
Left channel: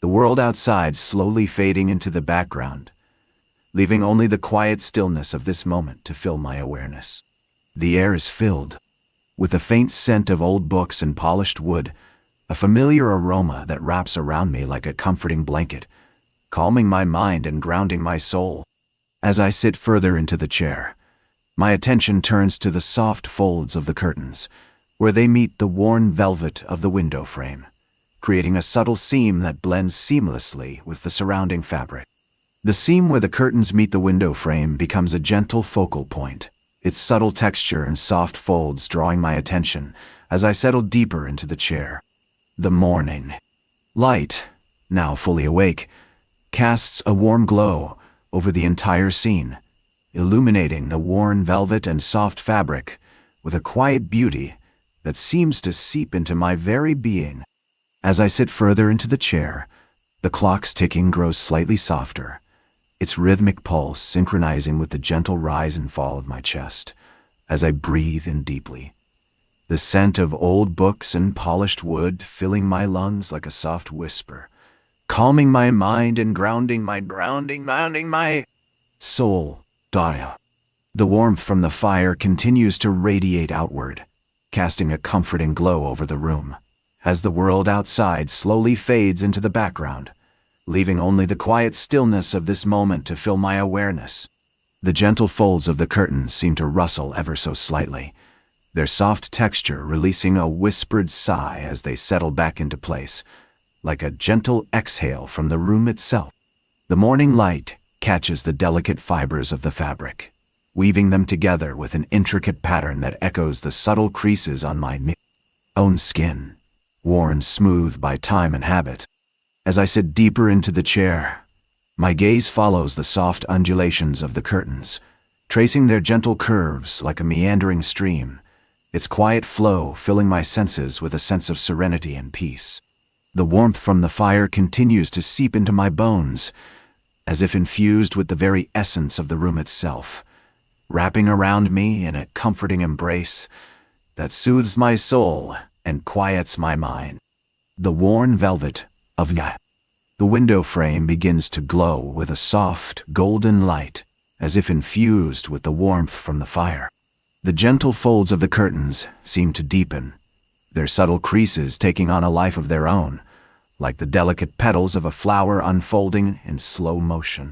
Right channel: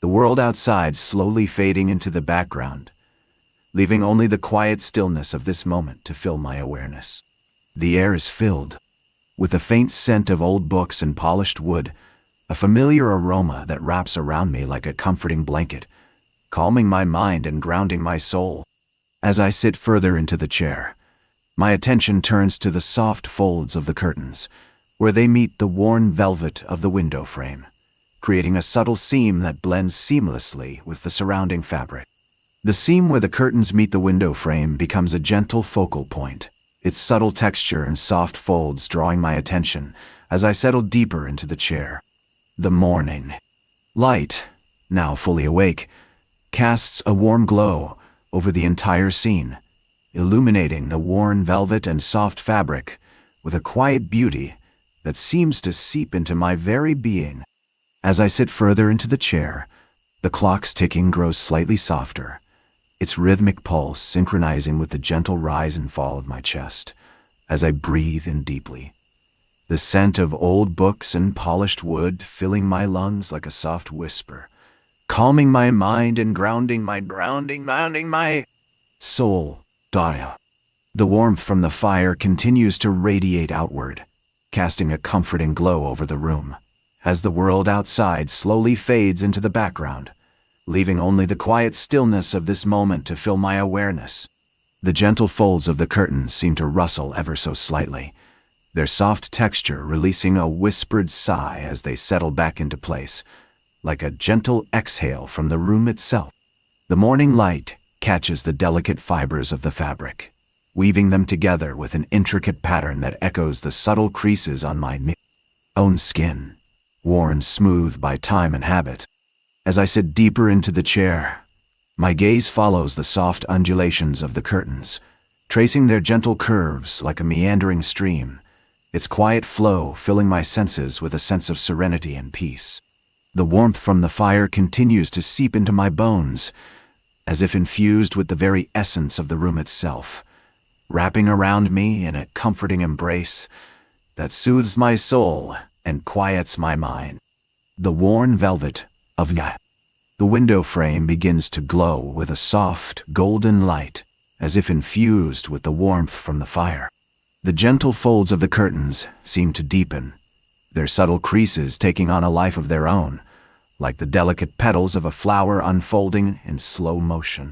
the world outside slowly fading into the background, leaving only the quiet stillness of this moment to fill my awareness. The air is filled with a faint scent of old books and polished wood, a familiar aroma that wraps around me like a comforting blanket, calming my mind and grounding my soul. As I sit further into the chair, my attention turns to the soft folds of the curtains, where they meet the worn velvet of the window frame, creating a subtle seam that blends seamlessly with the surrounding fabric. The seam where the curtains meet the window frame becomes a gentle focal point, its subtle texture and soft folds drawing my attention as I settle deeper into the chair. The morning light, now fully awake, casts a warm glow over the entire scene, illuminating the worn velvet and soft fabric with a quiet beauty that seems to seep into my very being. As I sit further into the chair, the clock's ticking grows slightly softer, its rhythmic pulse synchronizing with the gentle rise and fall of my chest as I breathe in deeply. The scent of old books and polished wood filling my lungs like a soft whisper, calming my mind and grounding my soul. The warmth from the fire continues to radiate outward, casting a comforting glow over the room, as the world outside slowly fades into the background, leaving only the quiet stillness of this moment to fill my awareness. The gentle folds of the curtains seem to rustle ever so slightly, their soft texture releasing a whispered sigh as they settle back into place, like a gentle exhale from the room itself. The morning light catches the delicate fibers of the fabric, weaving them together with an intricate pattern that echoes the subtle creases on my own skin, worn smooth by time and habit. As I sit deeper into the chair, my gaze follows the soft undulations of the curtains, tracing their gentle curves like a meandering stream, its quiet flow filling my senses with a sense of serenity and peace. The warmth from the fire continues to seep into my bones, as if infused with the very essence of the room itself, wrapping around me in a comforting embrace that soothes my soul and quiets my mind. The worn velvet of the window frame begins to glow with a soft, golden light, as if infused with the warmth from the fire. The gentle folds of the curtains seem to deepen, their subtle creases taking on a life of their own, like the delicate petals of a flower unfolding in slow motion.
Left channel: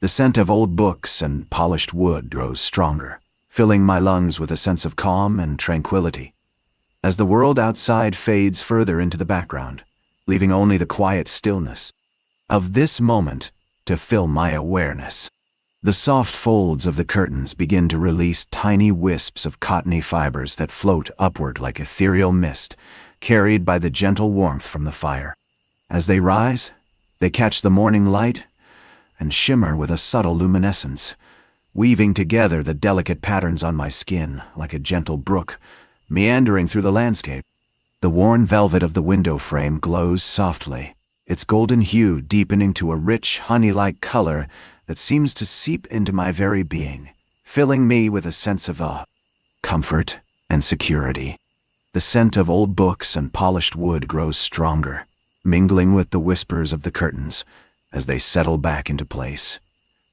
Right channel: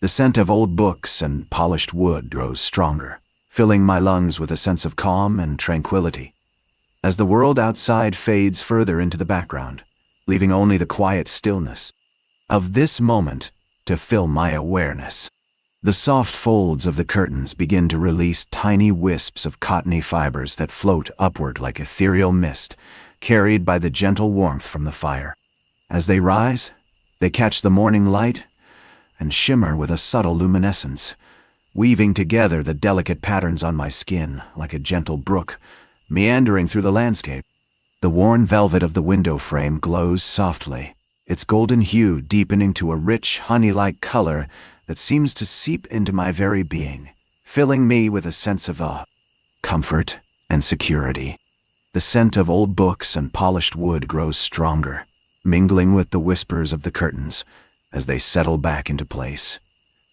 The scent of old books and polished wood grows stronger, filling my lungs with a sense of calm and tranquility. As the world outside fades further into the background, leaving only the quiet stillness of this moment to fill my awareness. The soft folds of the curtains begin to release tiny wisps of cottony fibers that float upward like ethereal mist, carried by the gentle warmth from the fire. As they rise, they catch the morning light and shimmer with a subtle luminescence, weaving together the delicate patterns on my skin like a gentle brook, meandering through the landscape. The worn velvet of the window frame glows softly, its golden hue deepening to a rich, honey-like color that seems to seep into my very being, filling me with a sense of awe, comfort, and security. The The scent of old books and polished wood grows stronger, mingling with the whispers of the curtains as they settle back into place,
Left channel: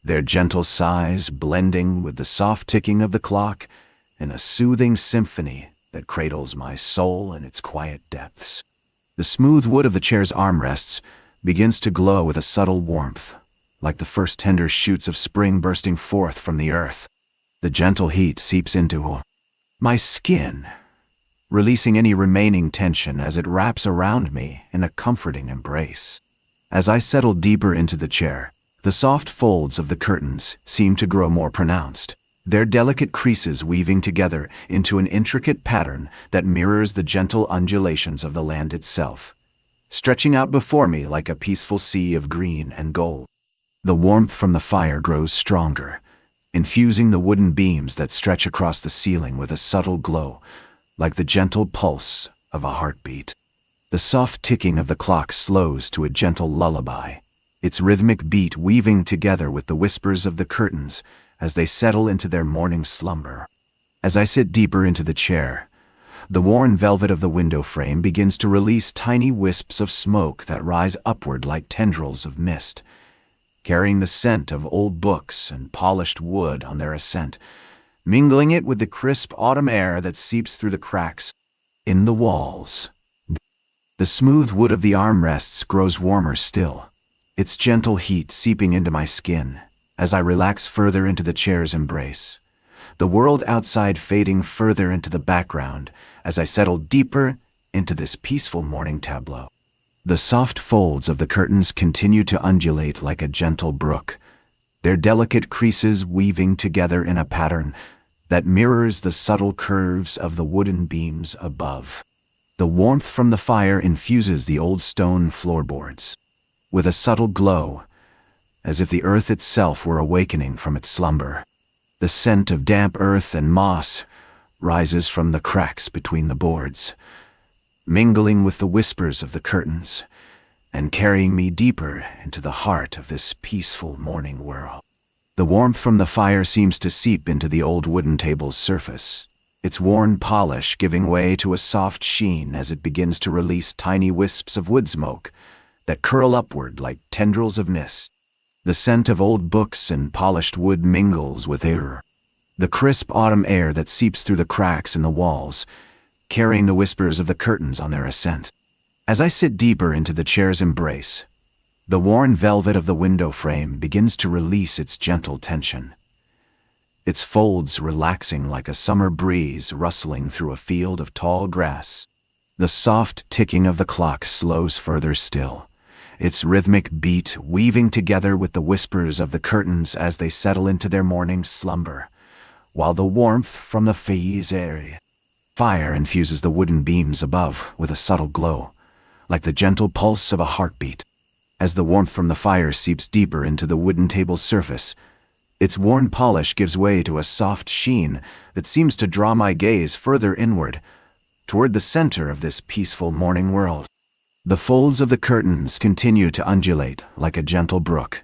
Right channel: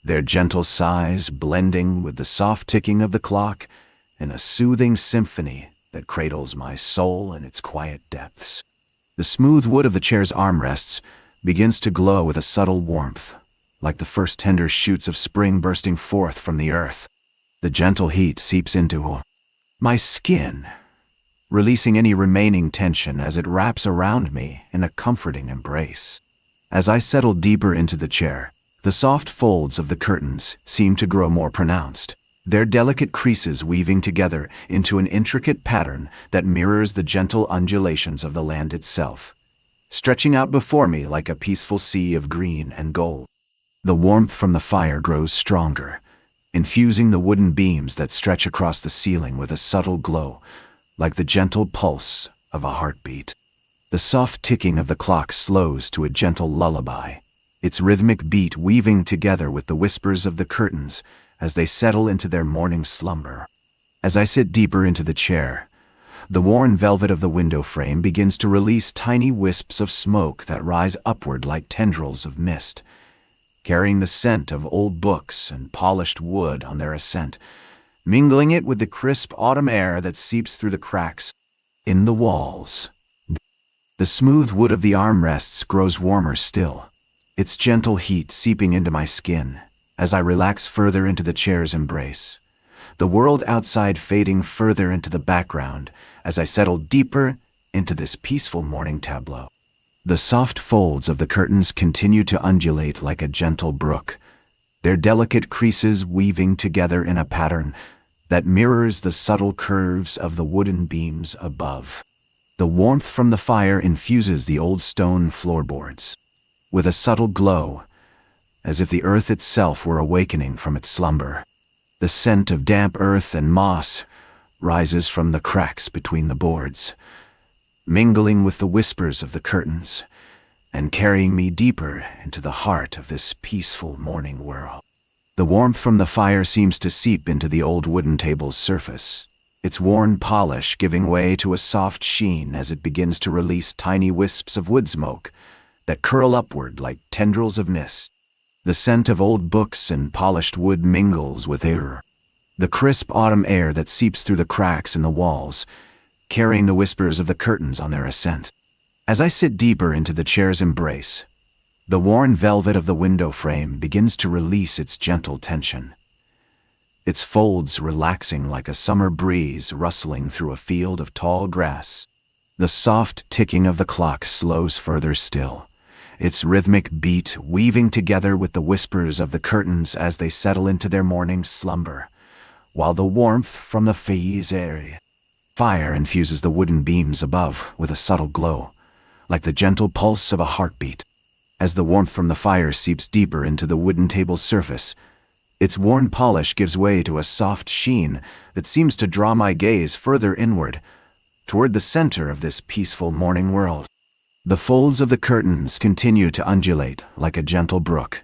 their gentle sighs blending with the soft ticking of the clock in a soothing symphony that cradles my soul in its quiet depths. The smooth wood of the chair's armrests begins to glow with a subtle warmth, like the first tender shoots of spring bursting forth from the earth. The gentle heat seeps into my skin, releasing any remaining tension as it wraps around me in a comforting embrace. As I settle deeper into the chair, the soft folds of the curtains seem to grow more pronounced, their delicate creases weaving together into an intricate pattern that mirrors the gentle undulations of the land itself, stretching out before me like a peaceful sea of green and gold. The warmth from the fire grows stronger, infusing the wooden beams that stretch across the ceiling with a subtle glow, like the gentle pulse of a heartbeat. The soft ticking of the clock slows to a gentle lullaby, its rhythmic beat weaving together with the whispers of the curtains as they settle into their morning slumber. As I sit deeper into the chair, the worn velvet of the window frame begins to release tiny wisps of smoke that rise upward like tendrils of mist, carrying the scent of old books and polished wood on their ascent, mingling it with the crisp autumn air that seeps through the cracks in the walls. The smooth wood of the armrests grows warmer still, its gentle heat seeping into my skin as I relax further into the chair's embrace, the world outside fading further into the background as I settle deeper into this peaceful morning tableau. The soft folds of the curtains continue to undulate like a gentle brook, their delicate creases weaving together in a pattern that mirrors the subtle curves of the wooden beams above. The warmth from the fire infuses the old stone floorboards with a subtle glow, as if the earth itself were awakening from its slumber. The scent of damp earth and moss rises from the cracks between the boards, mingling with the whispers of the curtains and carrying me deeper into the heart of this peaceful morning world. The warmth from the fire seems to seep into the old wooden table's surface, its worn polish giving way to a soft sheen as it begins to release tiny wisps of wood smoke that curl upward like tendrils of mist. The scent of old books and polished wood mingles with air, the crisp autumn air that seeps through the cracks in the walls, carrying the whispers of the curtains on their ascent. As I sit deeper into the chair's embrace, the worn velvet of the window frame begins to release its gentle tension, its folds relaxing like a summer breeze rustling through a field of tall grass. The soft ticking of the clock slows further still, its rhythmic beat weaving together with the whispers of the curtains as they settle into their morning slumber, while the warmth from the fire infuses the wooden beams above with a subtle glow, like the gentle pulse of a heartbeat. As the warmth from the fire seeps deeper into the wooden table's surface, its worn polish gives way to a soft sheen that seems to draw my gaze further inward, toward the center of this peaceful morning world. The folds of the curtains continue to undulate like a gentle brook,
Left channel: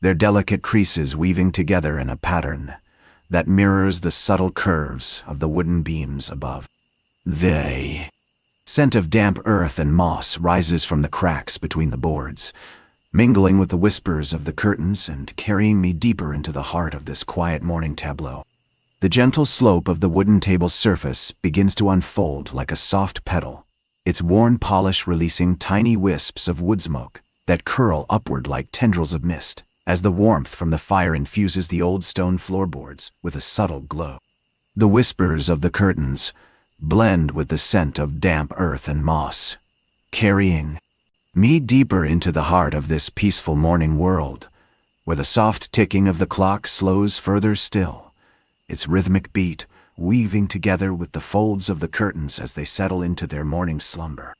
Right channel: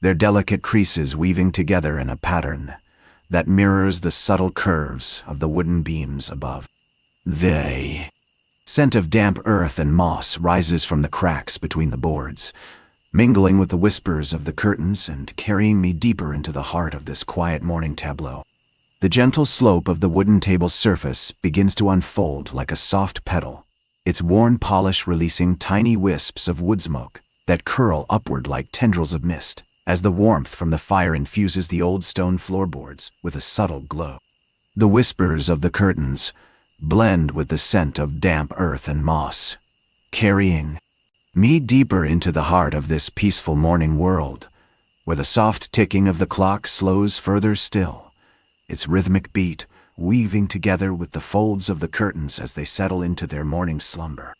their delicate creases weaving together in a pattern that mirrors the subtle curves of the wooden beams above. The scent of damp earth and moss rises from the cracks between the boards, mingling with the whispers of the curtains and carrying me deeper into the heart of this quiet morning tableau. The gentle slope of the wooden table's surface begins to unfold like a soft petal, its worn polish releasing tiny wisps of wood smoke that curl upward like tendrils of mist, as the warmth from the fire infuses the old stone floorboards with a subtle glow. The whispers of the curtains blend with the scent of damp earth and moss, carrying me deeper into the heart of this peaceful morning world, where the soft ticking of the clock slows further still, its rhythmic beat weaving together with the folds of the curtains as they settle into their morning slumber.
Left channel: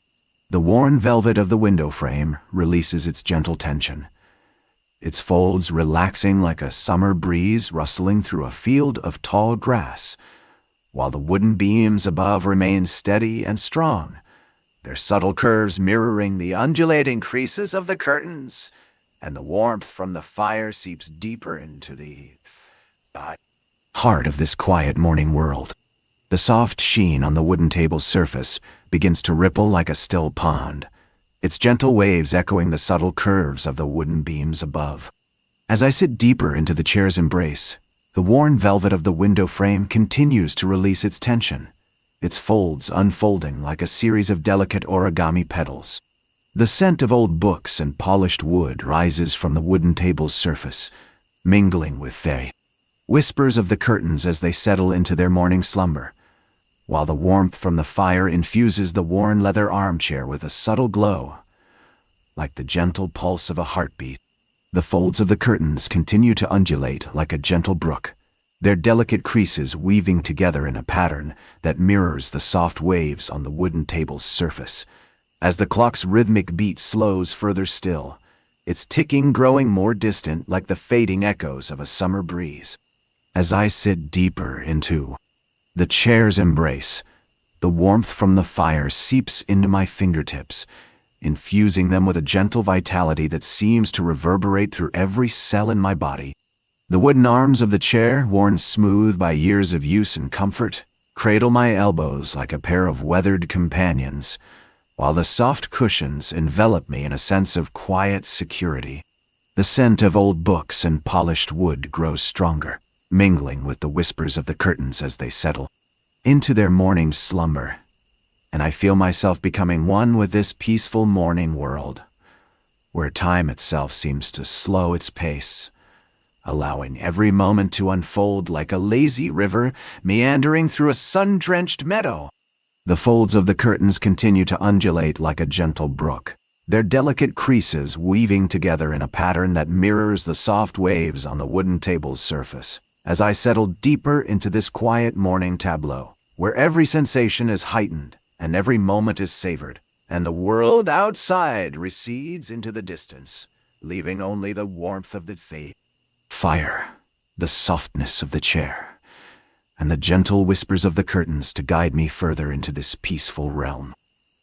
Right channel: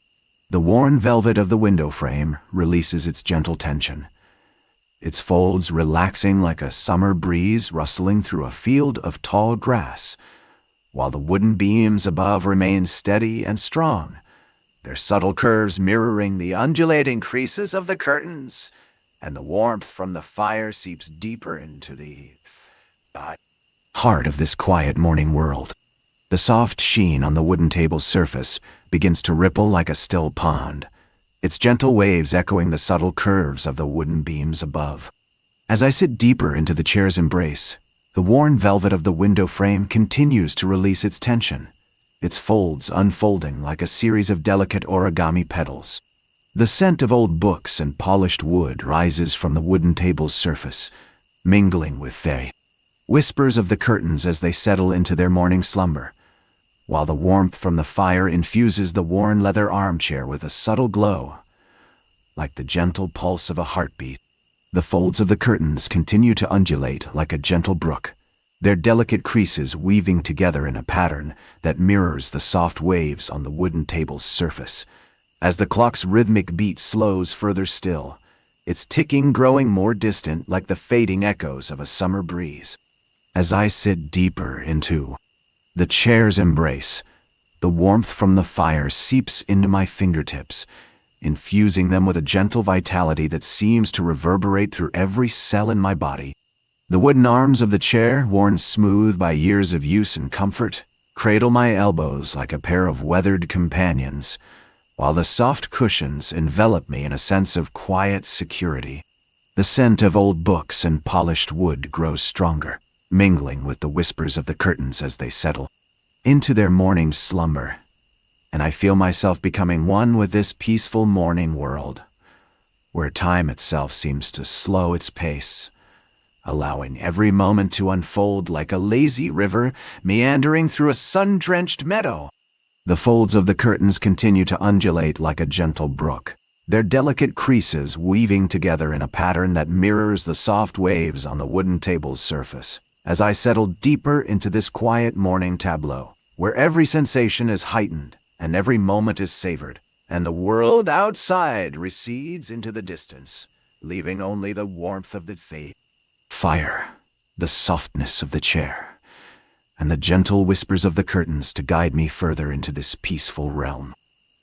The worn velvet of the window frame releases its gentle tension, its folds relaxing like a summer breeze rustling through a field of tall grass, while the wooden beams above remain steady and strong, their subtle curves mirroring the undulating creases of the curtains, and the warmth from the fire seeps deeper into the heart of this quiet morning world. The soft sheen on the wooden table's surface begins to ripple like a still pond, its gentle waves echoing the subtle curves of the wooden beams above. As I sit deeper into the chair's embrace, the worn velvet of the window frame continues to release its tension, its folds unfolding like a series of delicate origami petals. The scent of old books and polished wood rises from the wooden table's surface, mingling with the whispers of the curtains as they settle into their morning slumber, while the warmth from the fire infuses the worn leather armchair with a subtle glow, like the gentle pulse of a heartbeat. The folds of the curtains continue to undulate like a gentle brook, their delicate creases weaving together in a pattern that mirrors the soft waves on the wooden table's surface. As the clock's rhythmic beat slows further still, its ticking growing more distant like the fading echoes of a summer breeze. As I sit deeper into the chair's embrace, the warmth from the fire seeps into my fingertips, infusing them with a gentle vitality that seems to reverberate through every cell in my body. The wooden arms of the chair, worn smooth by years of use and comfort, cradle my elbows like a pair of weathered companions, while the soft cushions envelop me in a sense of quiet security. The scent of old books and polished wood grows stronger, mingling with the whispers of the curtains as they settle into their morning slumber, and I feel myself becoming one with this peaceful morning world, where time itself seems to slow its pace, allowing every moment to unfold like a lazy river meandering through a sun-drenched meadow. The folds of the curtains continue to undulate like a gentle brook, their delicate creases weaving together in a pattern that mirrors the soft waves on the wooden table's surface. As I settle deeper into this quiet morning tableau, where every sensation is heightened and every moment is savored, and the world outside recedes into the distance, leaving only the warmth of the fire, the softness of the chair, and the gentle whispers of the curtains to guide me further into this peaceful realm.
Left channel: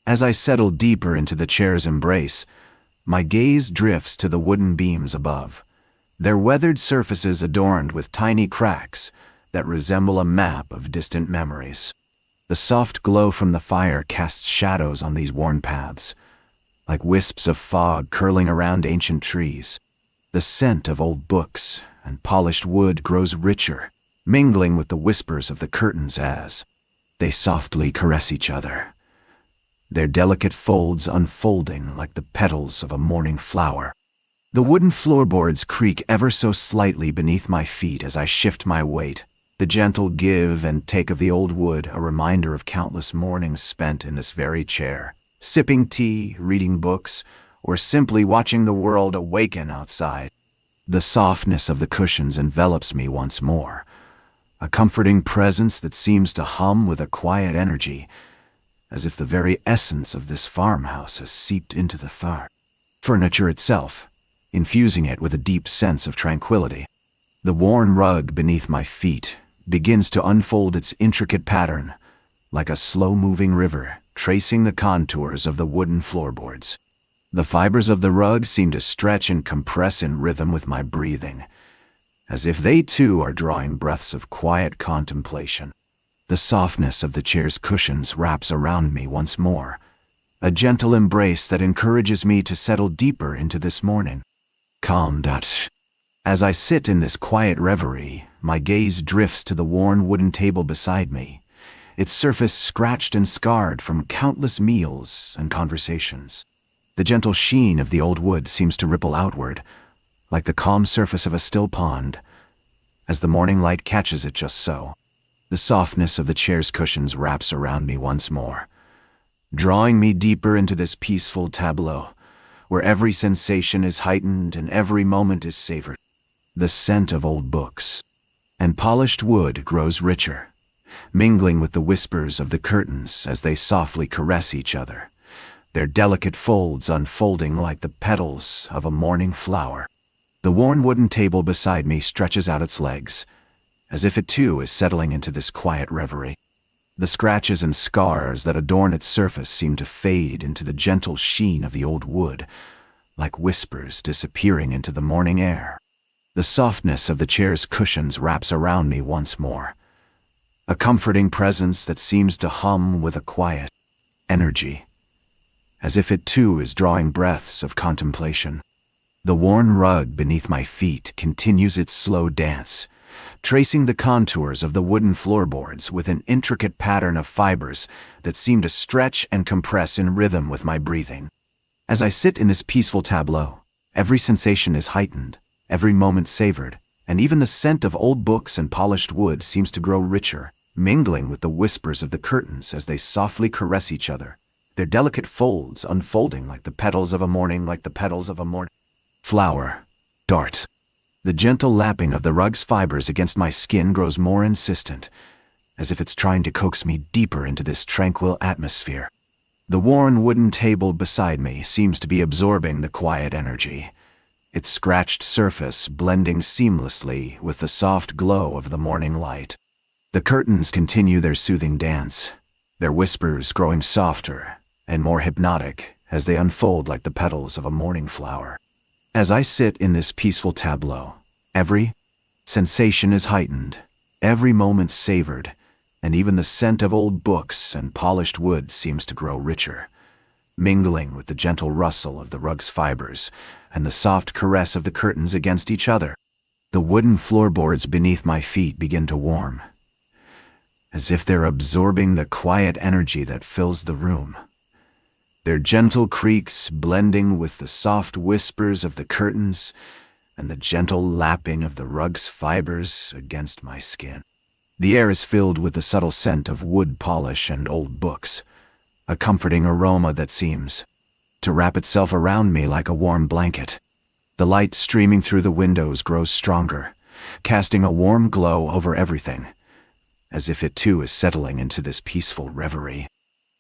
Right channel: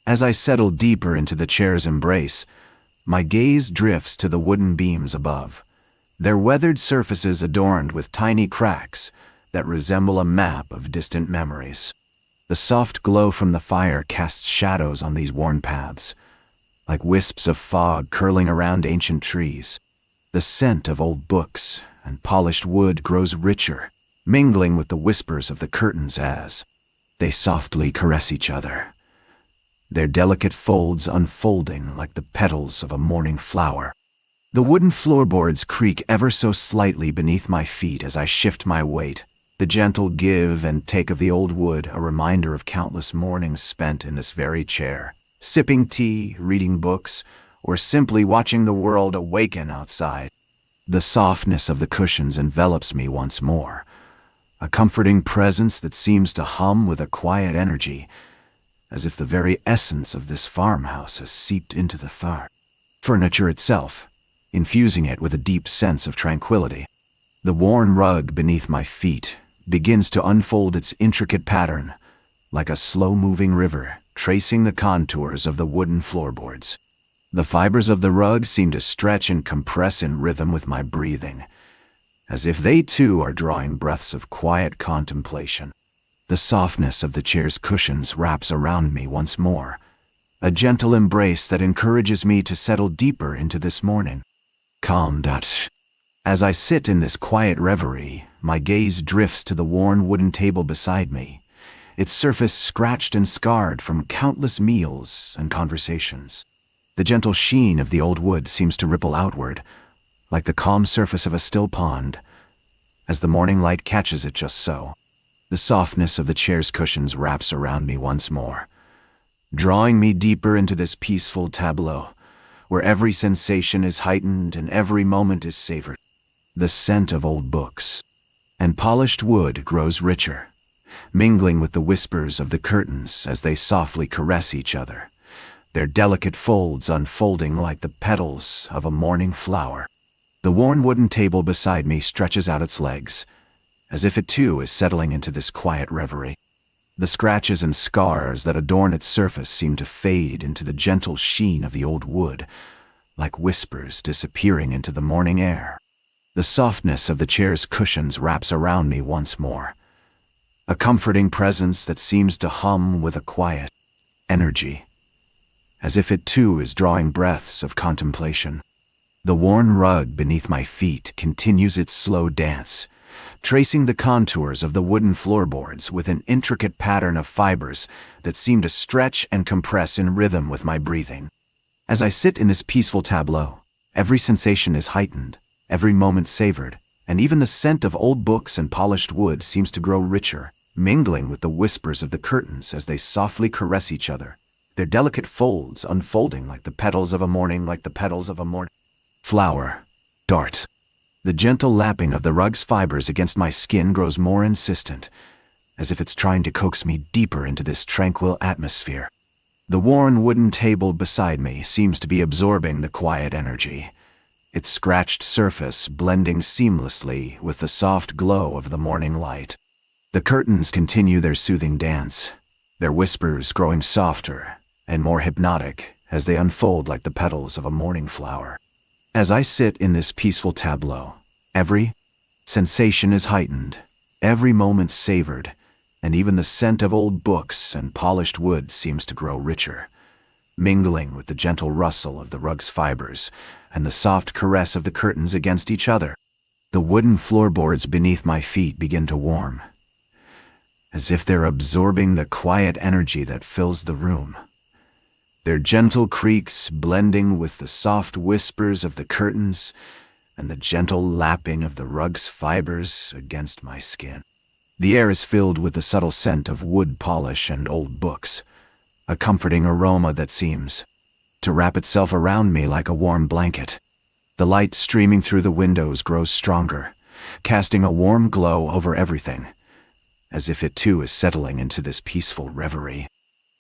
As I settle deeper into the chair's embrace, my gaze drifts to the wooden beams above, their weathered surfaces adorned with tiny cracks that resemble a map of distant memories. The soft glow from the fire casts shadows on these worn paths, like wisps of fog curling around ancient trees. The scent of old books and polished wood grows richer, mingling with the whispers of the curtains as they softly caress each other, their delicate folds unfolding like the petals of a morning flower. The wooden floorboards creak ever so slightly beneath my feet as I shift my weight, the gentle give and take of the old wood a reminder of countless mornings spent in this very chair, sipping tea, reading books, or simply watching the world awaken outside. The softness of the cushions envelops me once more, a comforting presence that seems to hum with a quiet energy, as if the very essence of this farmhouse has seeped into the furniture itself, infusing it with a deep sense of tranquility. The worn rug beneath my feet begins to unfold its intricate pattern, like a slow-moving river tracing the contours of the wooden floorboards. The fibers of the rug seem to stretch and compress in rhythm with my breathing, as if they too are drawing breaths of quiet contemplation. The softness of the chair's cushions wraps around me once more, a gentle embrace that encourages me to settle deeper into this morning. Calm. As I sit in this quiet reverie, my gaze drifts to the worn wooden table beside me, its surface scratched and scarred from countless meals and conversations. The gentle sheen of the old wood seems to ripple outward, like the calm surface of a still pond, as the morning light catches it just so. The softness of the chair's cushions wraps around me once more, drawing me deeper into this peaceful tableau, where every sensation is heightened and every moment is savored. The scent of old books and polished wood grows richer, mingling with the whispers of the curtains as they softly caress each other, their delicate folds unfolding like the petals of a morning flower. The worn wooden table beside me stretches out its legs, as if it too is settling into this quiet reverie. The scratches and scars that adorn its surface seem to fade into the gentle sheen of the old wood, like whispers disappearing into the morning air. The softness of the chair's cushions wraps around me once more, a comforting presence that seems to hum with a quiet energy, as if it too is drawing breaths of contemplation. The worn rug beneath my feet continues its slow dance, tracing the contours of the wooden floorboards with an intricate pattern of fibers that seem to stretch and compress in rhythm with my breathing. As I sit in this peaceful tableau, every sensation is heightened, every moment savored, and even the scent of old books and polished wood seems to grow richer, mingling with the whispers of the curtains as they softly caress each other, their delicate folds unfolding like the petals of a morning flower. Dart. The gentle lapping of the rug's fibers against my skin grows more insistent, as if it's trying to coax me deeper into this tranquil atmosphere. The worn wooden table beside me seems to be absorbing the quiet energy, its scratched surface blending seamlessly with the soft glow of the morning light. The curtains continue their soothing dance, their whispers growing softer and more hypnotic as they unfold like the petals of a morning flower. As I sit in this peaceful tableau, every sensation is heightened, every moment savored, and even the scent of old books and polished wood seems to grow richer, mingling with the gentle rustle of the rug's fibers and the soft caress of the curtains against each other. The wooden floorboards beneath my feet begin to warm, as if they're absorbing the quiet energy that fills the room. Their gentle creaks blending with the soft whispers of the curtains and the gentle lapping of the rug's fibers against my skin. The air is filled with the subtle scent of wood polish and old books, a comforting aroma that seems to wrap itself around me like a warm blanket. The light streaming through the windows grows stronger, casting a warm glow over everything, as if it too is settling into this peaceful reverie.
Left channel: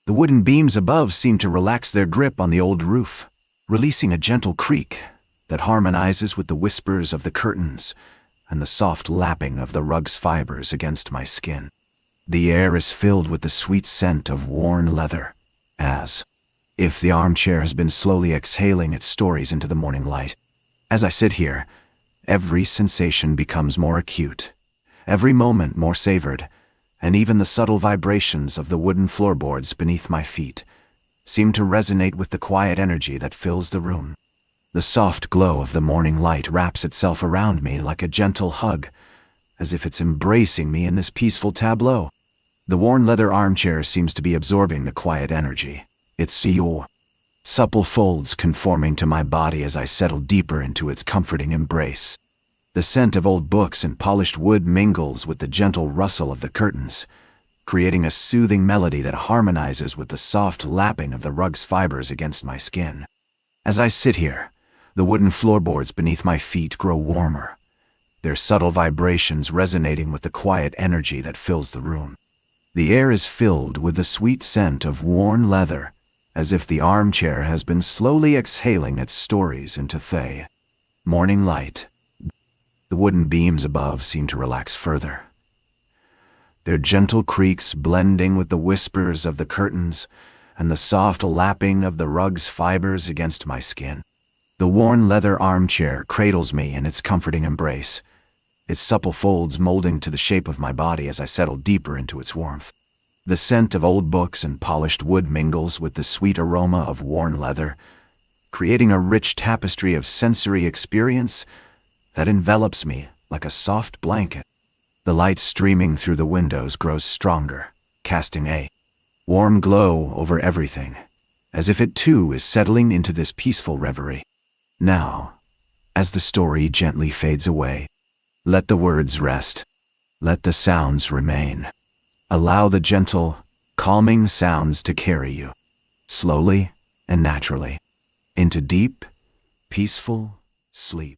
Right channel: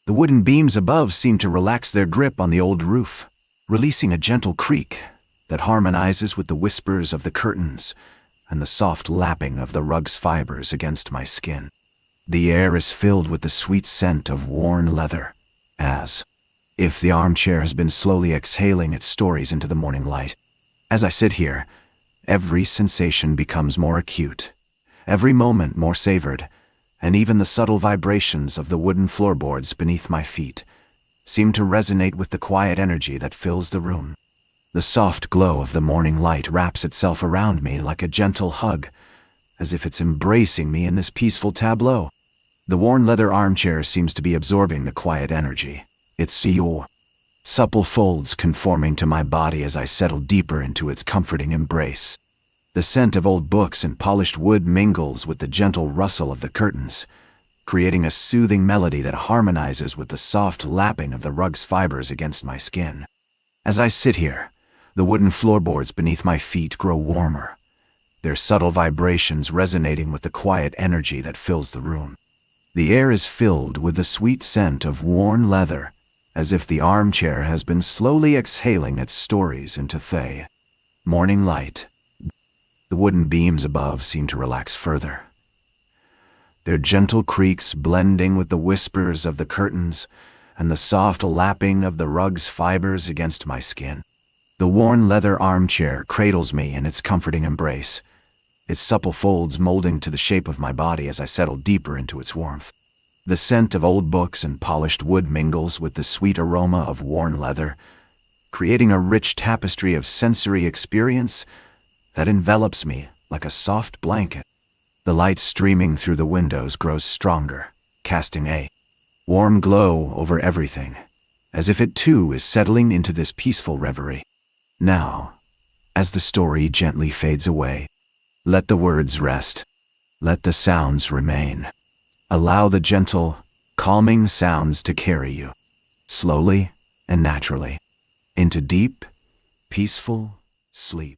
The wooden beams above seem to relax their grip on the old roof, releasing a gentle creak that harmonizes with the whispers of the curtains and the soft lapping of the rug's fibers against my skin. The air is filled with the sweet scent of worn leather, as if the armchair has been slowly exhaling its stories into the morning light. As I sit here, every sensation becomes more acute, every moment more savored, and even the subtle vibrations of the wooden floorboards beneath my feet seem to resonate with the quiet energy that fills the room. The soft glow of the morning light wraps itself around me like a gentle hug, as if it's embracing me in this peaceful tableau. The worn leather armchair seems to be absorbing the quiet energy, its supple folds conforming to my body as I settle deeper into its comforting embrace. The scent of old books and polished wood mingles with the gentle rustle of the curtains, creating a soothing melody that harmonizes with the soft lapping of the rug's fibers against my skin. As I sit here, the wooden floorboards beneath my feet grow warmer, their subtle vibrations resonating with the quiet energy that fills the room. The air is filled with the sweet scent of worn leather, as if the armchair has been slowly exhaling its stories into the morning light. The wooden beams above seem to relax further, their gentle creaks blending with the whispers of the curtains and the soft lapping of the rug's fibers against my skin. The worn leather armchair cradles me in its comforting embrace, its supple folds molding to the shape of my body as I settle deeper into its warmth. The scent of old books and polished wood mingles with the sweet aroma of worn leather, creating a rich tapestry of sensory experience that envelops me like a soft blanket. The light streaming through the windows grows stronger, casting a warm glow over everything, as if it too is settling into this peaceful reverie. Now, as the story gently fades away, let the words rest, let the sounds remain. Allow the gentle, calming sounds to carry you, slowly and naturally, into deep, peaceful sleep.